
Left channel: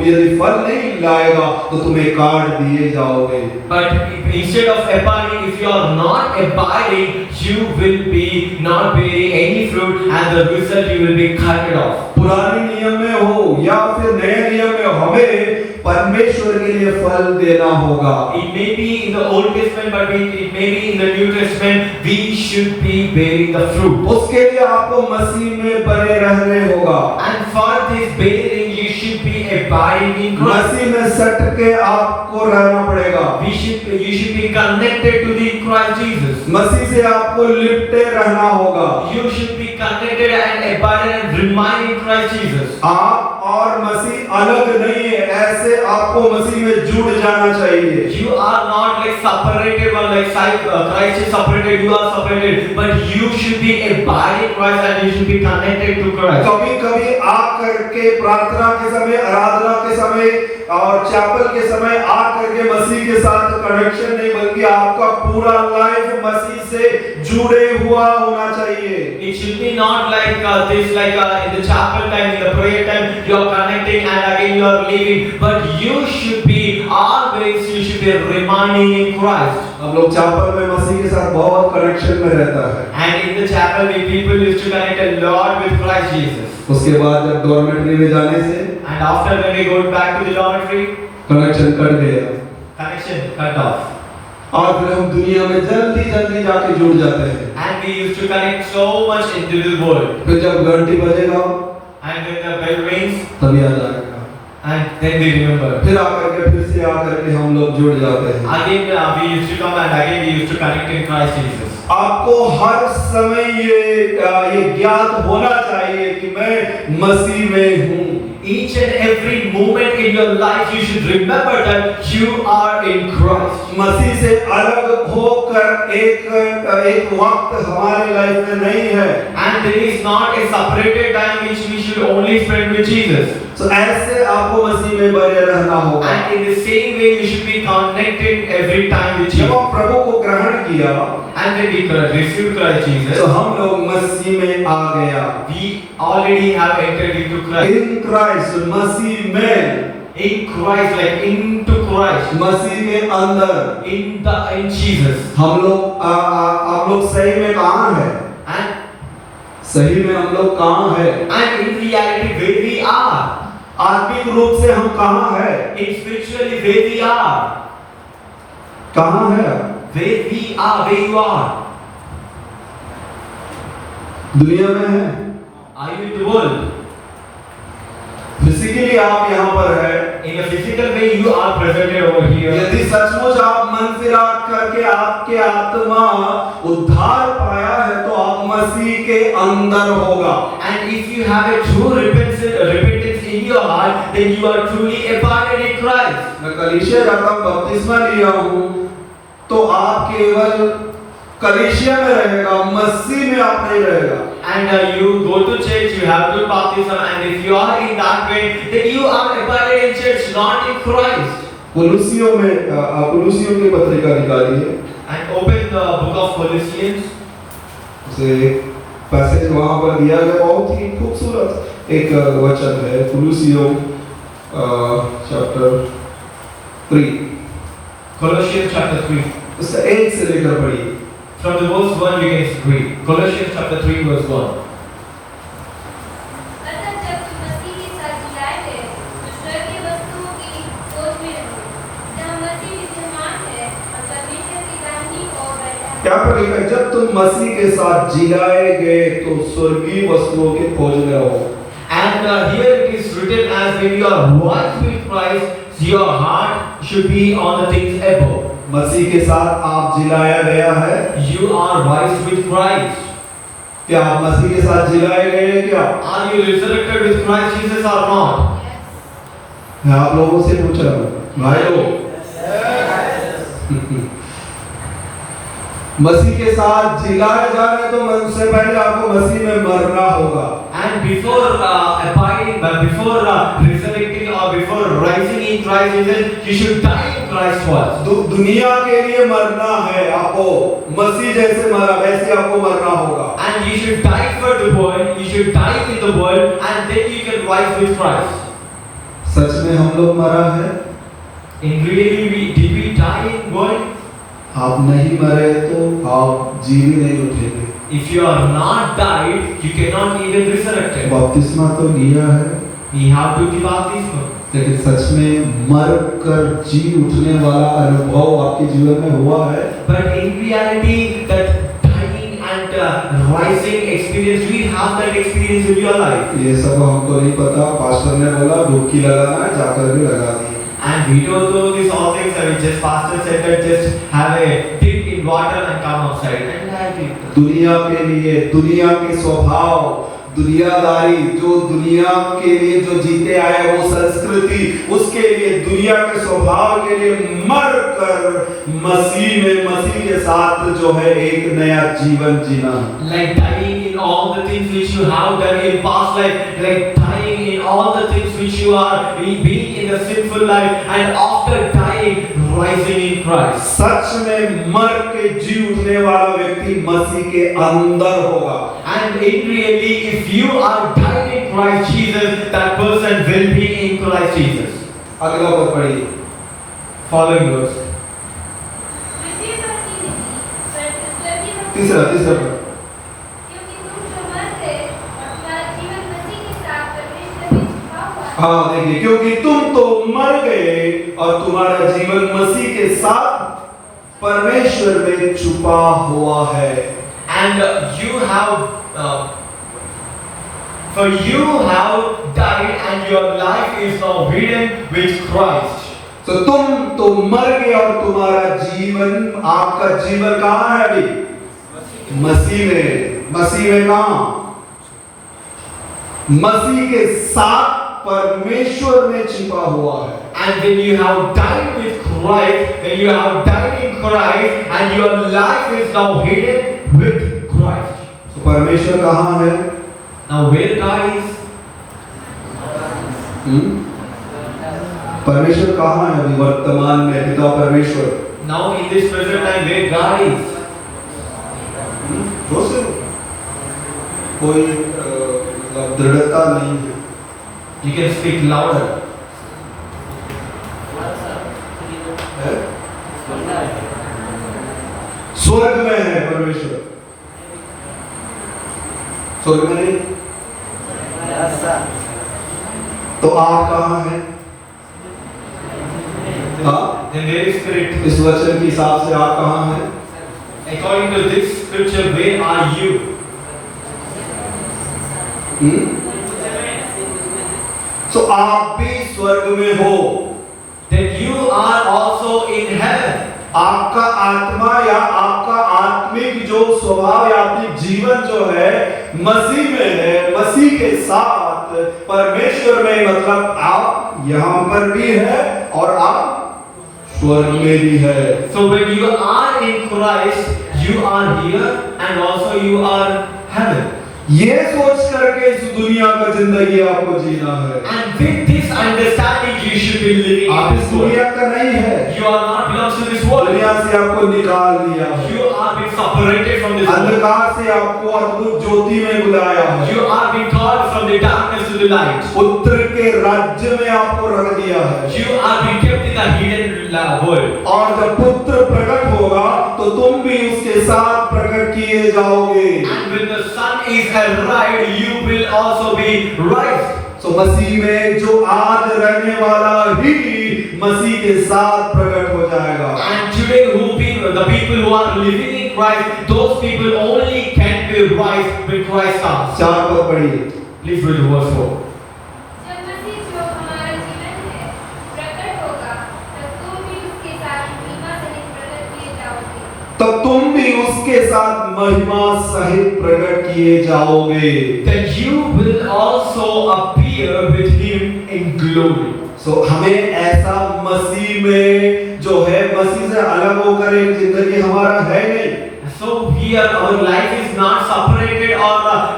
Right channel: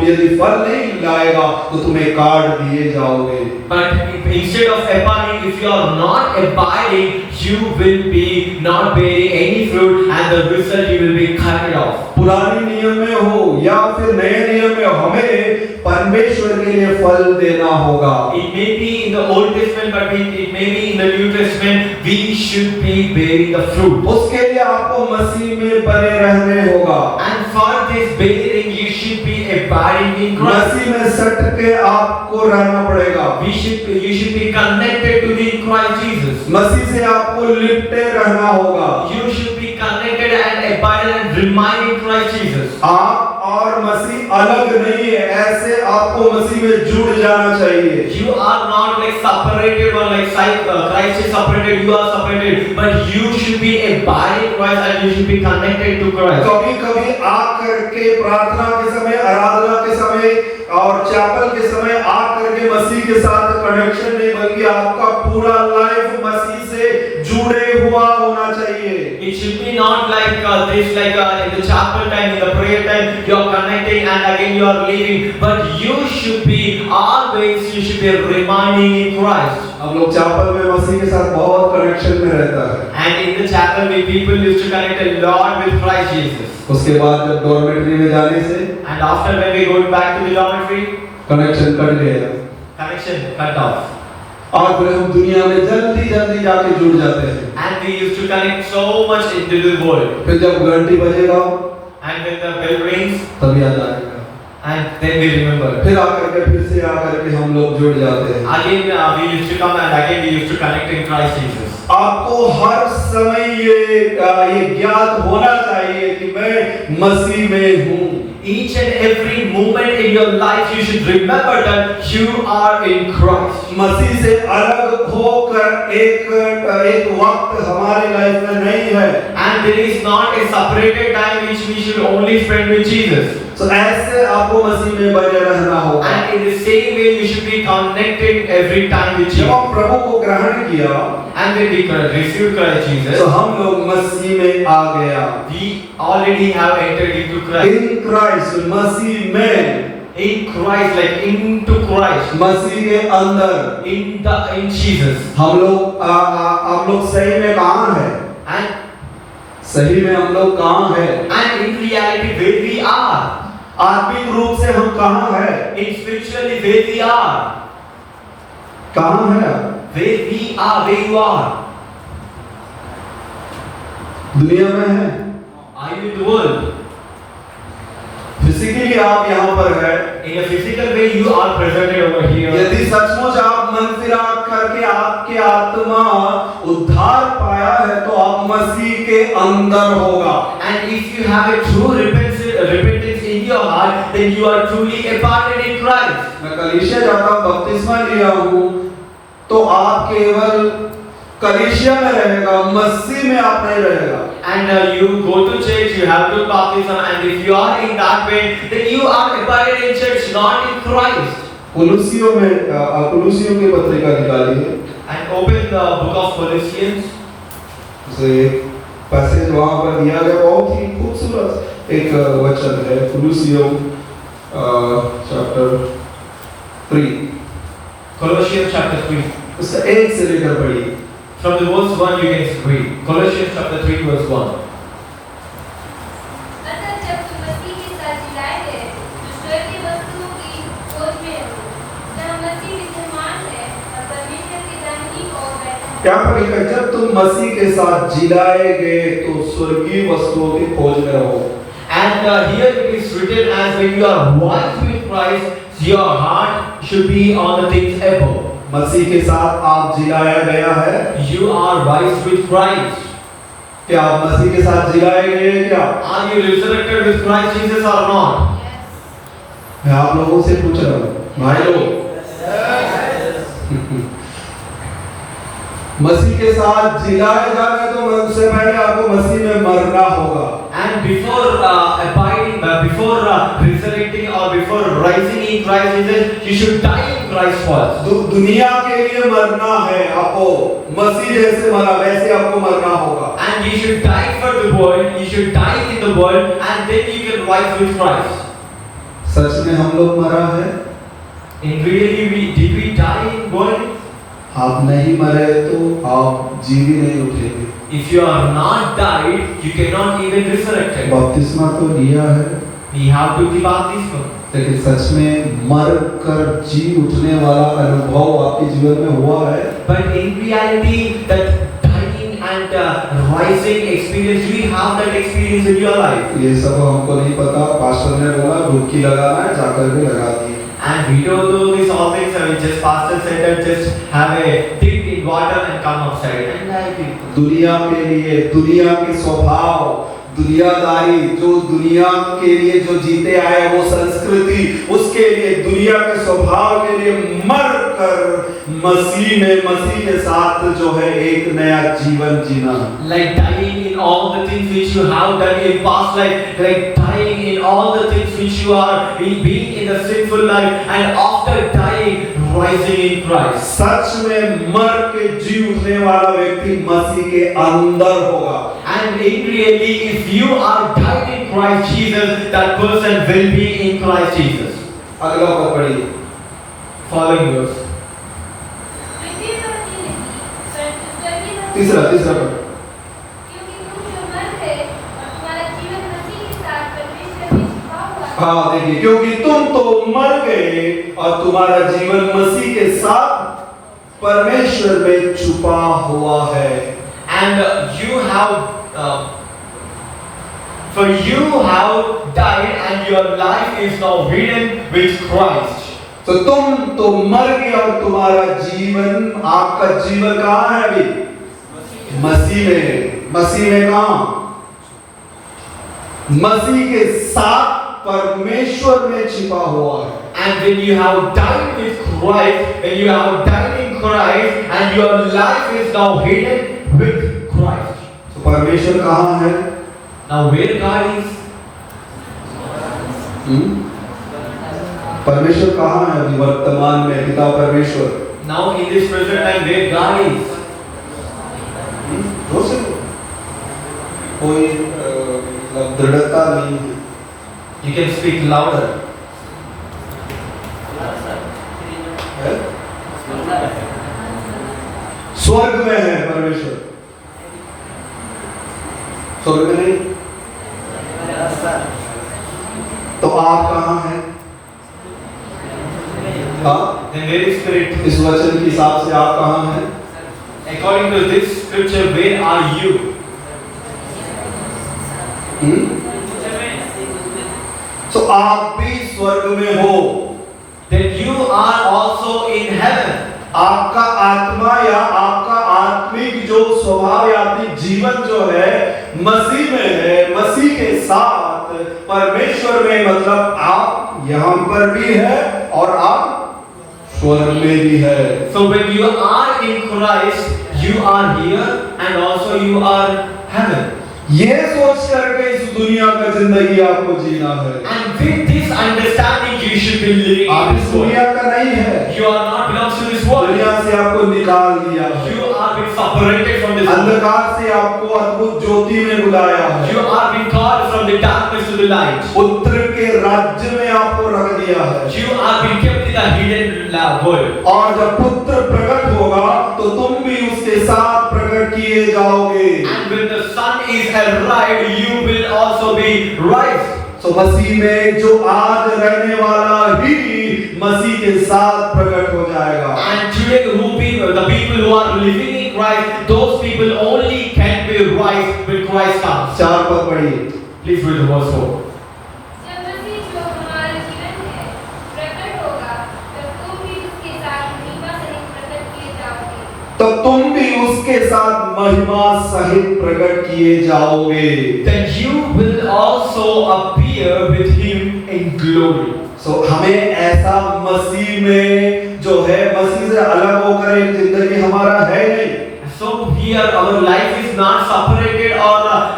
यदि फल नहीं लाएगा तो तुम्हें काट दिए जाओगे। But instead of abiding, if you are not abiding, you will be not bearing any fruit, and the result you will be cut off. पुराने नियम में हो या फिर नए नियम में हमें परमेश्वर के लिए फल देना होगा। It may be in the Old Testament, but it may be in the New Testament. We should be bearing the fruit. उसके लिए आपको मसीह में बने रहने होगा। And for this bearing, you should be abiding in Christ. मसीह में सट के आपको रहना पड़ेगा। You should be connected to the Christ Jesus. मसीह से आपको लिपटे रहना होगा। You should be connected and abided and remain in Christ Jesus. आप और मसीह अलग नहीं है, ऐसे आपको मसीह में जुड़ जाना चाहिए। You are not like separated or like Christ is separated, you are separated, but you should be abiding Christ and you should be connected to Christ. कभी कभी आकर के प्रार्थना के समय, आराधना के समय और चैपल के समय आकर के मसीह के साथ कनेक्शन नहीं, बल्कि आपका पूरा लाइफ मसीह से जुड़े हुआ होना चाहिए। It should be not like this, like in the chapel time, in the prayer time, you are connecting and again you are leaving, but you should be always, you should be remaining in Christ. हम लोग chapel में मसीह के साथ बहुत connection में रहता है। And in the chapel, we people used to connect a lot with Christ Jesus. उसके बाद जब डॉर्मेट्री में जाने से And after when we go back to the dormitory, connection cut गया connection cut off. और फिर हम दुनिया में जल्दी जल्दी जाके जुड़ जाते हैं। And we used to connect so much into the world. फिर जब घंटी बजेगा And when the bell rings, तब याद आएगा, and then we remember. फिर आकर के हम लोग जुड़ जाते हैं। Again, we used to come and again we used to connect in Christ Jesus. आपको हर समय ये ज्ञात होना चाहिए कि मैं मसीह में हूँ। Each and every moment in your life, you should remember that you are in Christ. मसीह से अलग होकर एक वक्त हमारे लाइफ में नहीं है। And there is not a separated time which we should only spend with Jesus. तो ऐसे आपको मसीह में बने रहना होगा। And in the same way, you should be connected every time with जब Jesus. हम प्रभु को ग्रहण किया And when we received Christ तो Jesus, हम लोग मसीह में आ गया। we already have entered into Christ. In Christ, मसीह में, In Christ, like into Christ, मसीह के अंदर in Jesus. हम लोग सही में कहाँ है? And सही में हम लोग कहाँ है? in reality, where we are. आत्मिक रूप से हम कहाँ है? In spiritually, where we are. कहाँ है आप? Where we are, where you are. दुनिया में है? Are you in the world? Physically आप यहाँ पर है। In a physical way, you are presented over here. यदि सचमुच आप मन फिरा करके आपके आत्मा उद्धार पाया है तो आप मसीह के अंदर होगा। And if you have a true repentance in your heart, then you are truly abiding in Christ. मैं कलीसिया जाता हूँ, बपतिस्मा लिया हूँ, तो आप केवल कलीसिया में रहेगा, मसीह में आप नहीं रहेगा। And you go to church, you have to baptism, and if you are in that way, then you are abiding in church, not in Christ. कुलुसियों की पत्रिका निकाली है। And open the book of Colossians. उसे passage वहाँ पर दिया गया, बहुत ही खूबसूरत एक वचन है। कुलुसियों चैप्टर 3, Colossians chapter 3. उससे 1 से लेकर पढ़िए। From the verse 1 you can read. Colossians chapter 3 verse 1. अतः जब तुम मसीह के साथ जिलाए गए तो स्वर्गीय वस्तुओं की खोज में रहो, जहाँ मसीह विद्यमान है और परमेश्वर की दाहिनी ओर बैठा है। क्या पढ़ेगा? जब तुम मसीह के साथ जिलाए गए तो स्वर्गीय वस्तुओं की खोज में रहो। And here it is written as when you are one with Christ, your heart should be on the things above. मसीह के साथ आप जिलाया गया है। You are raised with Christ. क्या आप मसीह के साथ जिलाए गए हैं क्या? Are you resurrected with Christ Jesus or not? मैं आप लोगों से पूछ रहा हूँ, भाई लोग, मसीह के साथ जिलाए जाना है तो उससे पहले आपको मसीह में मरना होगा। And before abiding, before resurrecting or before rising in Christ Jesus, you should die in Christ first. दुनिया के लिए मरना है आपको, मसीह जैसे मरा वैसे आपको मरना होगा। And you should die for the world, you should die in the world, and then you can rise with Christ. सच में हम लोग मरा है? In really, did we die in world? आप नहीं मरे तो आप जीवित नहीं उठेंगे। If you are not died, you cannot even resurrected. बपतिस्मा तो लिया है, We have to give baptism. लेकिन सच में मर कर जी उठने वाला अनुभव आपके जीवन में हुआ है? But in reality, that dying and rising experience, do you have that experience in your life? ये सब हमको नहीं पता, पास्टर ने बोला डुबकी लगाना है, जाकर भी लगा दी। And we don't know these all things, and we just pastor said that just have a dip in water and come outside. And like it. दुनिया के लिए, दुनिया के स्वभाव, दुनियादारी, जो दुनिया के लिए जो जीते आए वो संस्कृति, उसके लिए दुनिया के स्वभाव के लिए मर कर मसीह के साथ जो है एक नया जीवन जीना, like dying in all the things which you have done in past life, like dying in all the things which you are being in the sinful life, and after dying rising in Christ. सच में मर के जी उठने वाला व्यक्ति मसीह के अंदर होगा। And in really, if you are died in Christ Jesus, that person will be in Christ Jesus. अगला पद पढ़िए, Following verse. पृथ्वी पर भी नहीं, परंतु स्वर्गीय लोक तीसरा पद। क्योंकि तुम जो मर गए और तुम्हारा जीवन मसीह के साथ परमेश्वर में छिपा हुआ है। हाँ देखिए, क्योंकि तुम तो मर गए और तुम्हारा जीवन मसीह के साथ परमेश्वर में छुपा हुआ है। And you have, for you have died, and your life is now hidden with Christ. तो तुम तो मर गए और तुम्हारा जीवन, आपका जीवन कहाँ है अभी? मसीह में। मसीह में कहाँ? मसीह के साथ परमेश्वर में छिपा हुआ है। And when you have died with Christ, when you have died in Christ, and your life is now hidden with Christ. तो परमेश्वर कहाँ है? Now where God is? परमेश्वर कहाँ है अभी वर्तमान में? पिता परमेश्वर। Now in this present time, where God is? हो से कोई दृढ़ता नहीं है। You can speak louder. है? स्वर्ग में है परमेश्वर। स्वर्ग में नहीं? तो आप कहाँ हैं? हाँ? Then where is Spirit? इस वचन के हिसाब से आप कहाँ हैं? According to this scripture, where are you? तो आप भी स्वर्ग में हो। Then you are also in heaven. आपका आत्मा या आपका आत्मिक जो स्वभाव या आत्मिक जीवन जो है मसीह में है, मसीह के साथ परमेश्वर में, मतलब आप यहाँ पर भी है और आप स्वर्ग में भी है। So when you are in Christ, you are here and also you are heaven. ये सोच करके इस दुनिया का जिंदगी आपको जीना है। And with this understanding, you should be living आप in इस this world. दुनिया का नहीं है। You are not belongs to this world. दुनिया से आपको निकाल दिया है। You are being separated from this world. अंधकार से आपको अद्भुत ज्योति में बुलाया है। You are being called from the darkness to the light. पुत्र के राज्य में आपको रख दिया है। You are being kept in a hidden world. और जब पुत्र प्रकट होगा तो तुम भी उसके साथ प्रकट किए जाओगे। And when the sun is arrived, you will also be raised. तो मसीह में जो आज रहने वाला ही मसीह के साथ प्रकट हो जाएगा। And today, the people who are living in Christ, those people only can be raised when Christ comes. 4 पद पढ़िए। Please read verse 4. जब मसीह जो हमारा जीवन है प्रकट होगा, तब तुम भी उसके साथ महिमा सहित प्रकट किए जाओगे। तो तुम भी उसके साथ महिमा सहित प्रकट किए जाओगे। Then you will also appear with him in glory. सो हमें ऐसा मसीह में जो है, मसीह से अलग होकर एक जिंदगी हमारा है नहीं। So here our life is not separated or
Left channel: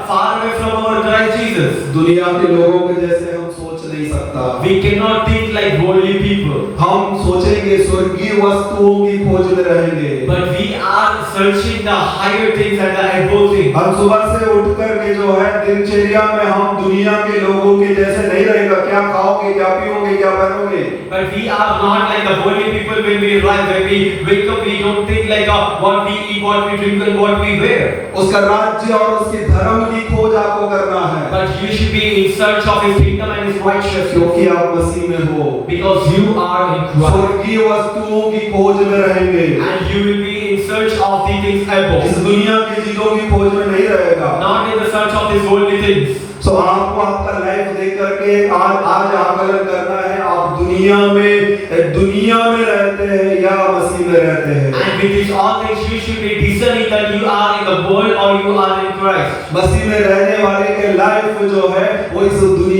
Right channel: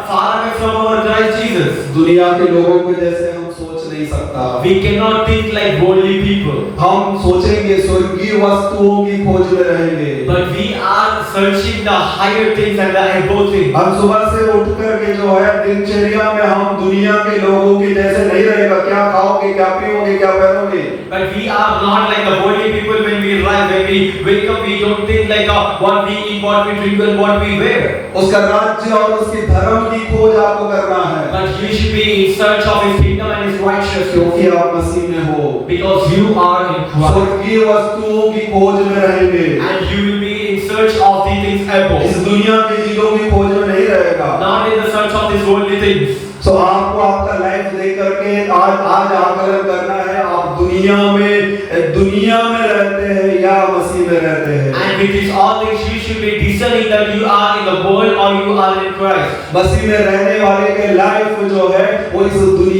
far away from our Christ Jesus. दुनिया के लोगों के जैसे हम सोच नहीं सकता। We cannot think like worldly people. हम सोचेंगे स्वर्गीय वस्तुओं की खोज में रहेंगे। But we are searching the higher things and the above things. हम सुबह से उठ करके जो है दिनचर्या में हम दुनिया के लोगों के जैसे नहीं रहेगा। क्या खाओगे, क्या पीओगे, क्या पहनोगे। But we are not like the worldly people when we rise, when we wake up, we don't think like what we eat, what we drink and what we wear. उसका राज्य और उसके धर्म की खोज आपको करना है। But you should be in search of his kingdom and his righteousness. क्योंकि आप मसीह में हो। Because you are in Christ. स्वर्गीय वस्तुओं की खोज में रहेंगे। And you will be in search of the things above. इस दुनिया की चीजों की खोज में नहीं रहेगा। Not in the search of these worldly things. सो आपको आपका लाइफ देख करके आज आकलन करना है, आप दुनिया में रहते हैं या मसीह में रहते हैं। And with this all things you should be discerning that you are in the world or you are in Christ. मसीह में रहने वाले के लाइफ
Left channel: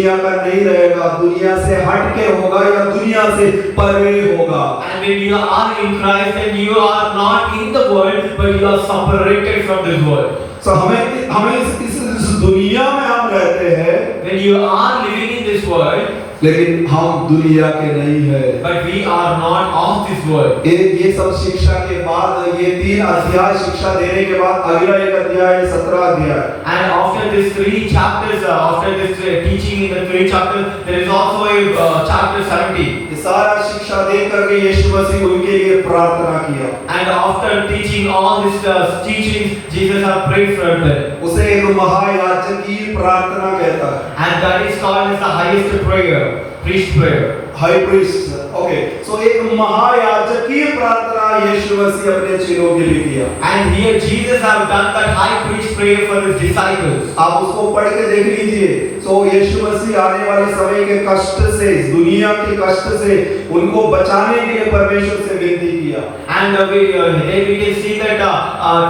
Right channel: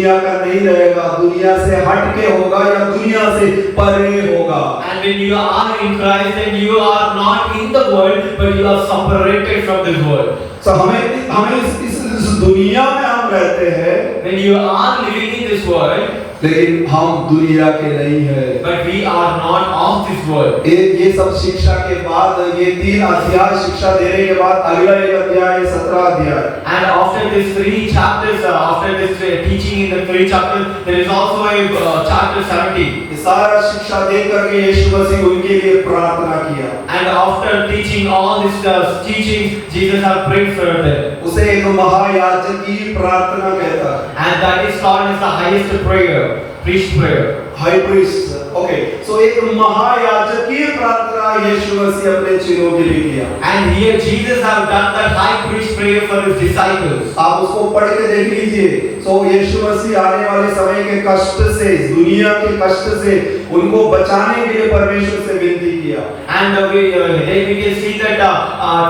दुनिया का नहीं रहेगा, दुनिया से हट के होगा या दुनिया से परे होगा। And when you are in Christ, then you are not in the world, but you are separated from this world. So हमें इस दुनिया में हम रहते हैं, When you are living in this world, लेकिन हम दुनिया के नहीं है। but we are not of this world. ये सब शिक्षा के बाद, ये 3 अध्याय शिक्षा देने के बाद अगला एक अध्याय 17 अध्याय। And after these 3 chapters, after this teaching in the 3 chapters, there is also a chapter 17. ये सारा शिक्षा दे करके यीशु मसीह उनके लिए प्रार्थना किया। And after teaching all this teachings, Jesus has prayed for them. उसे एक महायाजकीय प्रार्थना कहता है। And that is called as the highest prayer, priest prayer. High priest, okay. So एक महायाजकीय प्रार्थना यीशु मसीह अपने चेलों के लिए किया। And here Jesus have done that high priest prayer for his disciples. आप उसको पढ़ के देख लीजिए। सो यीशु मसीह आने वाले समय के कष्ट से, दुनिया के कष्ट से उनको बचाने के लिए परमेश्वर से विनती किया। And here we can see that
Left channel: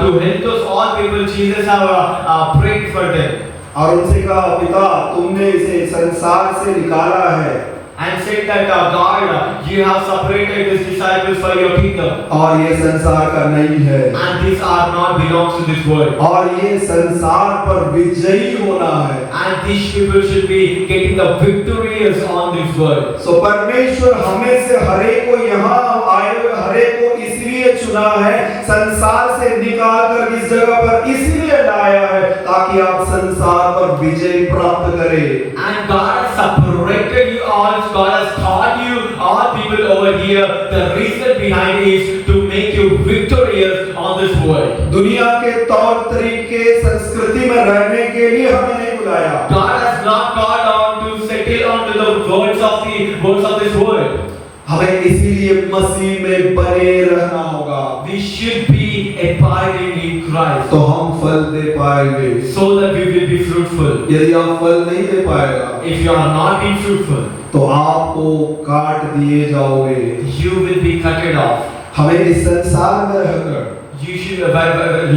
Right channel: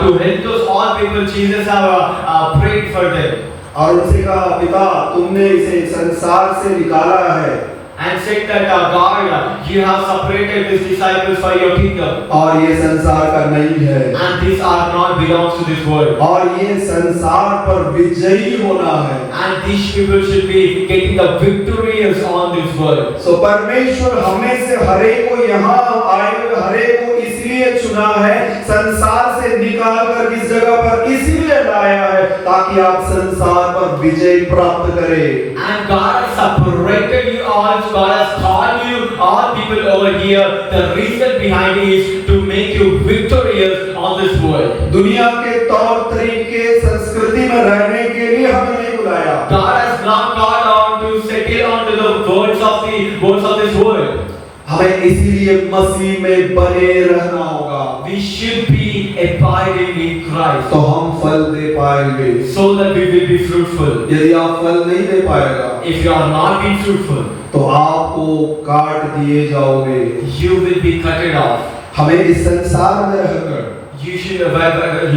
to help those all people, Jesus have prayed for them. और उनसे कहा, पिता तुमने इसे संसार से निकाला है, And said that God, you have separated these disciples for your kingdom. और ये संसार का नहीं है, And these are not belongs to this world. और ये संसार पर विजयी होना है। And these people should be getting the victorious on this world. सो परमेश्वर हमें से हरेक को यहाँ आए हुए हरेक को इसलिए चुना है, संसार से निकाल कर इस जगह पर इसीलिए लाया है ताकि आप संसार पर विजय प्राप्त करें। And God has separated you all. God has called you all people over here. The reason behind it is to make you victorious on this world. दुनिया के तौर तरीके संस्कृति में रहने के लिए हमें नहीं बुलाया। God has not called on to settle onto the words of this world. हमें इसीलिए मसीह में बने रहना होगा। We should be abiding in Christ, तो हम फल दे पाएंगे। so that we will be fruitful. यदि आप फल नहीं दे पाएगा, If you are not being fruitful, तो आपको काट दिए जाओगे। you will be cut off. हमें इस संसार में रहकर You should by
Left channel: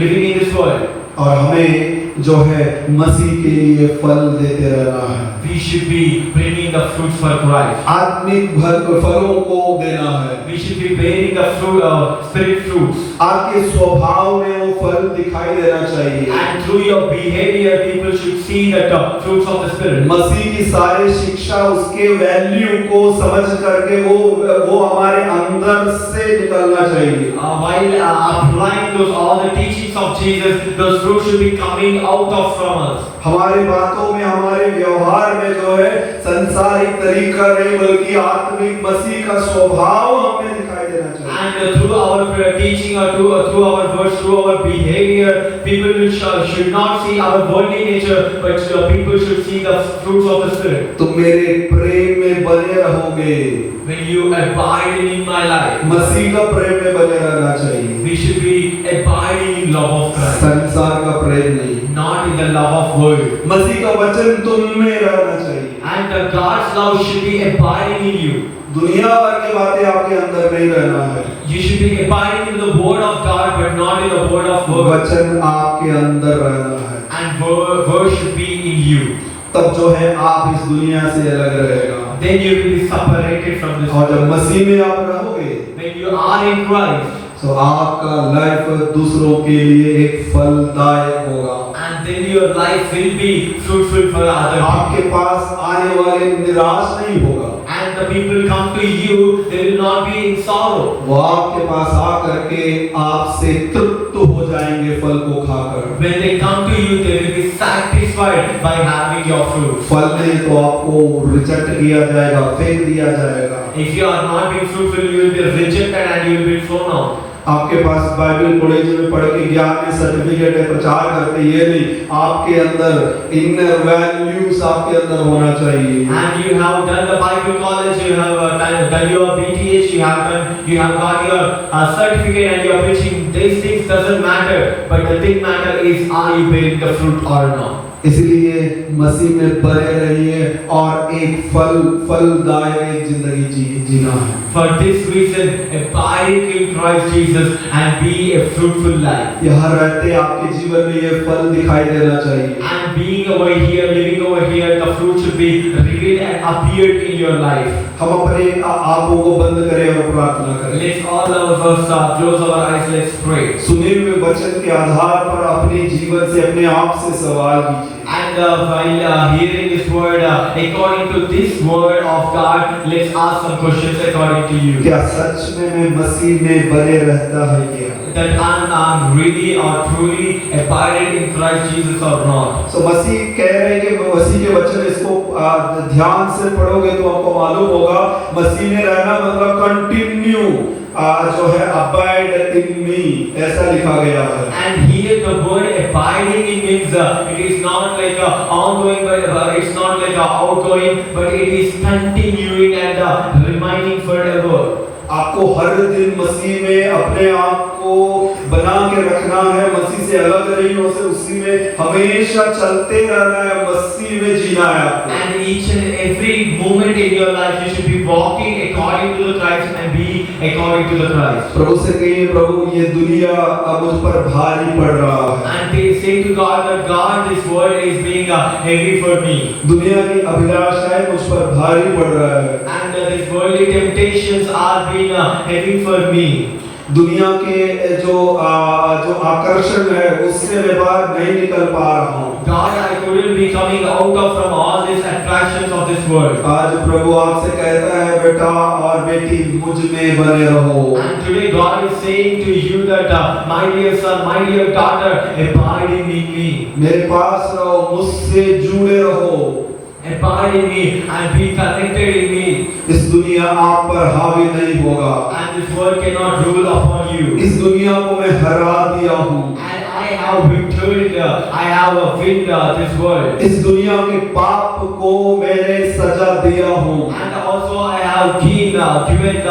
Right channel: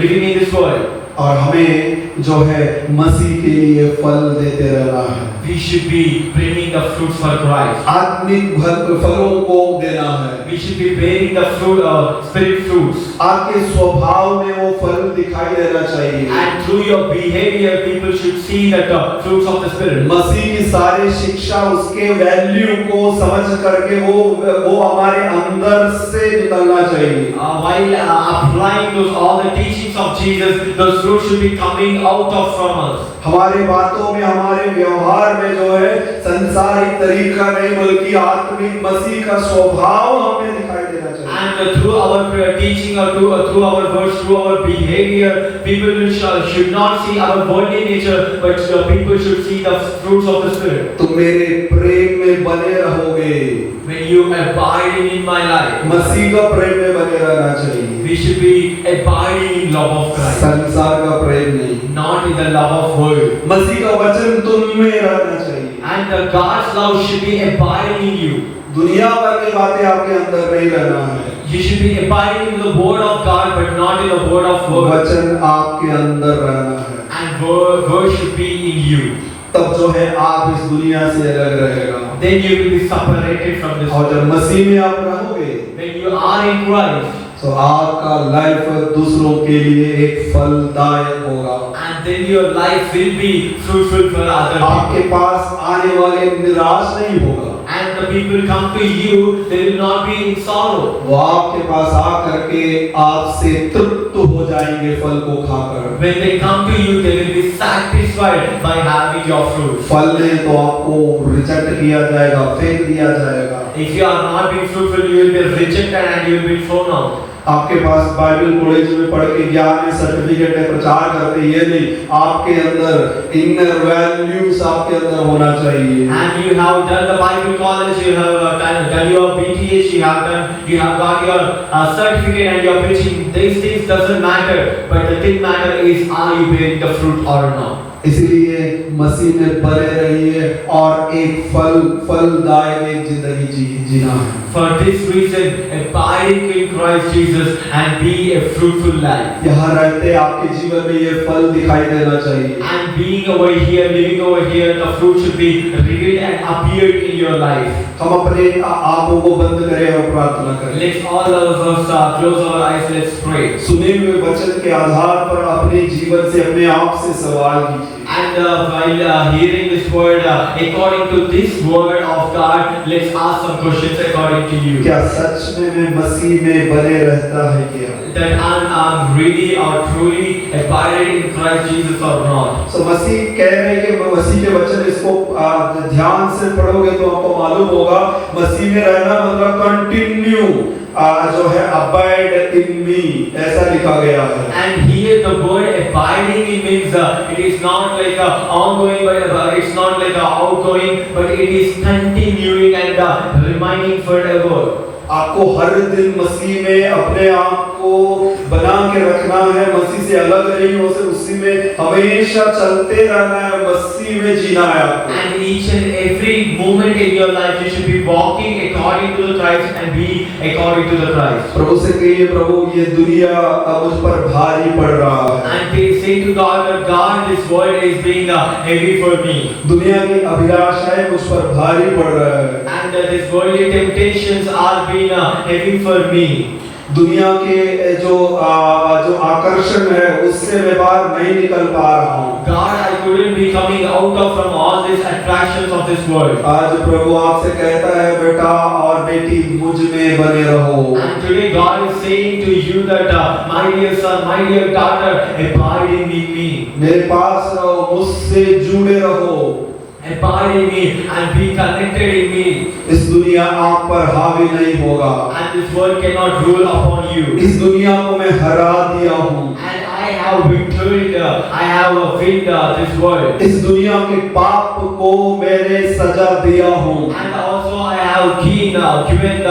living in this world. और हमें जो है मसीह के लिए फल देते रहना है। We should be bringing the fruits for Christ. आत्मिक फलों को देना है। We should be bearing the fruit, spirit fruits. आपके स्वभाव में वो फल दिखाई देना चाहिए। And through your behavior, people should see that fruits of the spirit. मसीह की सारी शिक्षा उसके वैल्यू को समझ करके वो हमारे अंदर से निकलना चाहिए। While applying all the teachings of Jesus, those fruits should be coming out of from us. हमारे बातों में, हमारे व्यवहार में जो है संसारिक तरीका नहीं बल्कि आत्मिक मसीह का स्वभाव हमें दिखाई देना चाहिए। And through our teaching or through our words, through our behavior, people should not see our worldly nature, but people should see the fruits of the Spirit. तुम मेरे प्रेम में बने रहोगे। When you abide in my life, मसीह का प्रेम में बने रहना चाहिए। we should be abiding in love of Christ, संसार का प्रेम नहीं, not in the love of world. मसीह का वचन तुम में रहना चाहिए। And God's love should be abiding in you. दुनिया भर की बातें आपके अंदर नहीं रहना है। You should be abiding in the word of God, but not in the word of world. वचन आपके अंदर रहना है। And word should be in you. तब जो है आप इस दुनिया से अलग रहेगा। Then you will be separated from this और world. जब मसीह में आप रहोगे, When you are in Christ, तो आपका लाइफ दूसरों के लिए एक फलदायक होगा। and then your life will be fruitful for other आपके people. पास आने वाले निराश नहीं होगा। And the people come to you, they will not be in sorrow. वो आपके पास आकर के आपसे तृप्त हो जाएंगे फल को खाकर। When they come to you, they will be satisfied by having your fruit. फल नहीं तो आपको रिजेक्ट किया जाएगा, फेंक दिया जाएगा। If you are not being fruitful, you will be rejected and you will be thrown out. आपके पास बाइबल कॉलेज में पढ़ के ज्ञान में सर्टिफिकेट है, प्रचार करते ये नहीं, आपके अंदर इनर वैल्यूज आपके अंदर होना चाहिए। And you have done the Bible college, you have done your BTH, you have done you have got your certificate and you're preaching. These things doesn't matter, but the thing matter is, are you bearing the fruit or not? इसलिए मसीह में बने रहिए और एक फलदायक एक जिंदगी जीना है। For this reason, abiding in Christ Jesus and be a fruitful life. यहाँ रहते आपके जीवन में ये फल दिखाई देना चाहिए। And being over here, living over here, the fruit should be revealed and appeared in your life. हम अपने आंखों को बंद करें और प्रार्थना करें। Let's all of us close our eyes. Let's pray. सुने हुए वचन के आधार पर अपने जीवन से अपने आप से सवाल कीजिए। And while hearing this word, according to this word of God, let's ask some questions according to you. क्या सच में मैं मसीह में बने रहता है क्या? That I'm really or truly abiding in Christ Jesus or not. So मसीह कह रहे हैं कि मसीह के वचन इसको ध्यान से पढ़ोगे तो आपको मालूम होगा मसीह में रहना मतलब कंटिन्यू जो है abide in me ऐसा लिखा गया है। And here the word abiding in means it is not like ongoing, but it's not like outgoing, but it is continuing and remaining forever. आपको हर दिन मसीह में अपने आप को बना के रखना है, मसीह से अलग नहीं हो से उसी में हमेशा चलते रहना है, मसीह में जीना है आपको। And each and every moment in your life you should be walking according to the Christ and be according to the Christ. प्रभु से कहिए प्रभु ये दुनिया अब मुझ पर भारी पड़ रहा है। And they say to God that God this world is being heavy for me. दुनिया की अभिलाषाएं मुझ पर भारी पड़ रहा है। And these worldly temptations are being heavy for me. दुनिया के जो आकर्षण है उससे मैं बाहर नहीं निकल पा रहा हूँ। God, I couldn't be coming out of from all these attractions of this world. आज प्रभु आपसे कहता है बेटा और बेटी मुझ में बने रहो। And today God is saying to you that my dear son, my dear daughter, abide in me. मेरे पास रहो, मुझसे जुड़े रहो। Abide in me and be connected in me. इस दुनिया आप पर हावी नहीं होगा। And this world cannot rule upon you. इस दुनिया को मैं हरा दिया हूँ। And I have victoried, I have won this world. इस दुनिया के पाप को मैंने सजा दिया हूँ। And also I have given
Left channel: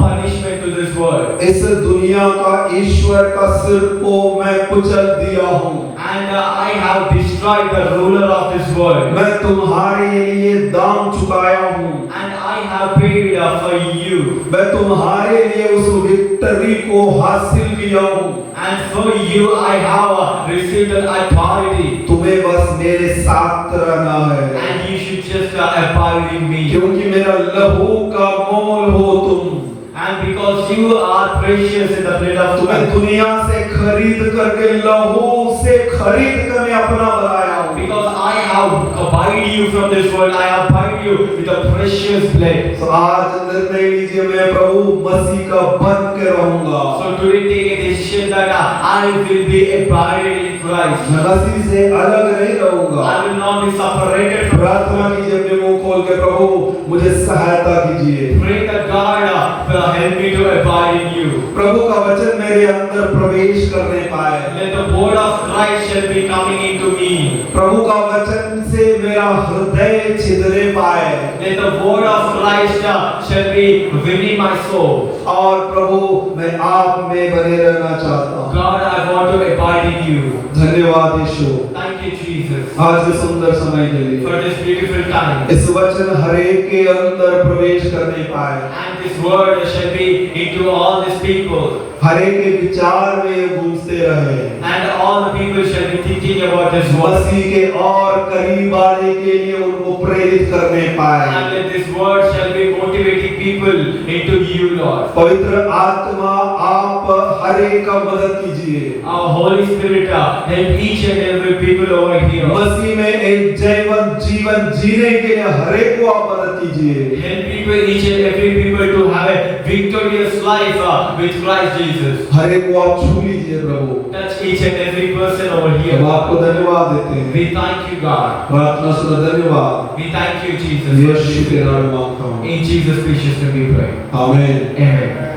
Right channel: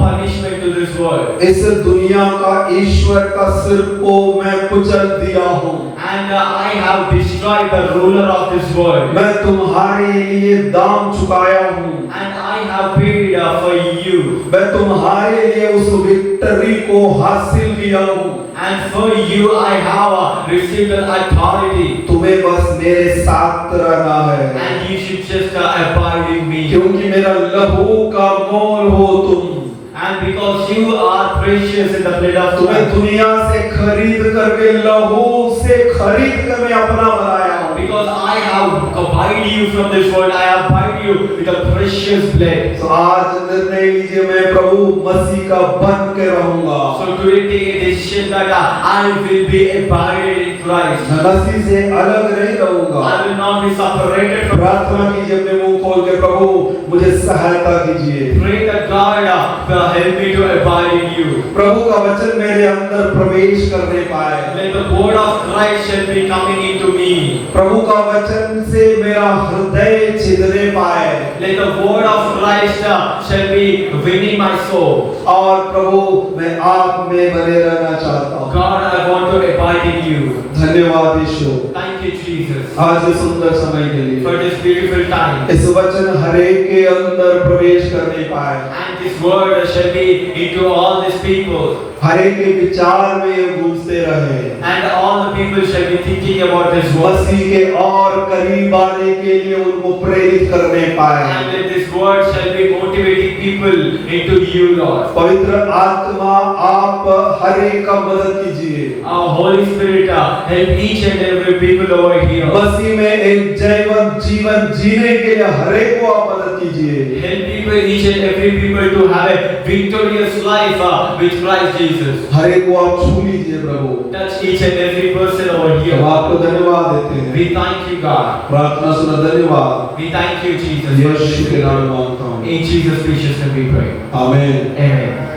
punishment to this world. इस दुनिया का ईश्वर का सिर को मैं कुचल दिया हूँ। And I have destroyed the ruler of this world. मैं तुम्हारे लिए दाम चुकाया हूँ। And I have paid for you. मैं तुम्हारे लिए उस विक्ट्री को हासिल किया हूँ। And for you I have received the authority. तुम्हें बस मेरे साथ रहना है। And you should just abide in me. क्योंकि मेरा लहू का मोल हो तुम। And because you are precious in the blood of तुम्हें God. दुनिया से खरीद करके लहू से खरीद कर मैं अपना बनाया हूँ। Because I have bought you from this world, I have bought you with a precious blood. तो आज निर्णय लीजिए मैं प्रभु मसीह का बन के रहूंगा। So today take a decision that I will be abided in Christ. मैं मसीह से अलग नहीं रहूंगा। I will not be separated from. प्रार्थना कीजिए अपने मुंह खोल के प्रभु मुझे सहायता कीजिए। Pray that God will help me to abide in you. प्रभु का वचन मेरे अंदर प्रवेश करने पाए। Let the word of Christ shall be coming into me. प्रभु का वचन से मेरा हृदय छिदने पाए। Let the word of Christ shall be winning my soul. और प्रभु मैं आप में बने रहना चाहता हूँ। God, I want to abide in you. धन्यवाद यीशु। Thank you, Jesus, आज के सुंदर समय के लिए for this beautiful time. इस वचन हरेक के अंदर प्रवेश करने पाए। And this word shall be into all these people. हरेक के विचार में ये गूंजते रहे। And all the people shall be thinking about this word. मसीह के और करीब आने के लिए उनको प्रेरित करने पाए। And that this word shall be motivating people into you, Lord. पवित्र आत्मा आप हर एक का मदद कीजिए। Our Holy Spirit help each and every people over here. मसीह में एक जीवन जीने के लिए हर एक को आप मदद कीजिए। Help people, each and every people to have a victorious life with Christ Jesus. हर एक को आप छू लीजिए प्रभु। Touch each and every person over here. हम आपको धन्यवाद देते हैं। We thank you, God. प्रार्थना सुना धन्यवाद। We thank you, Jesus. यीशु के नाम में मांगता हूँ। In Jesus' precious name we pray. आमीन। Amen.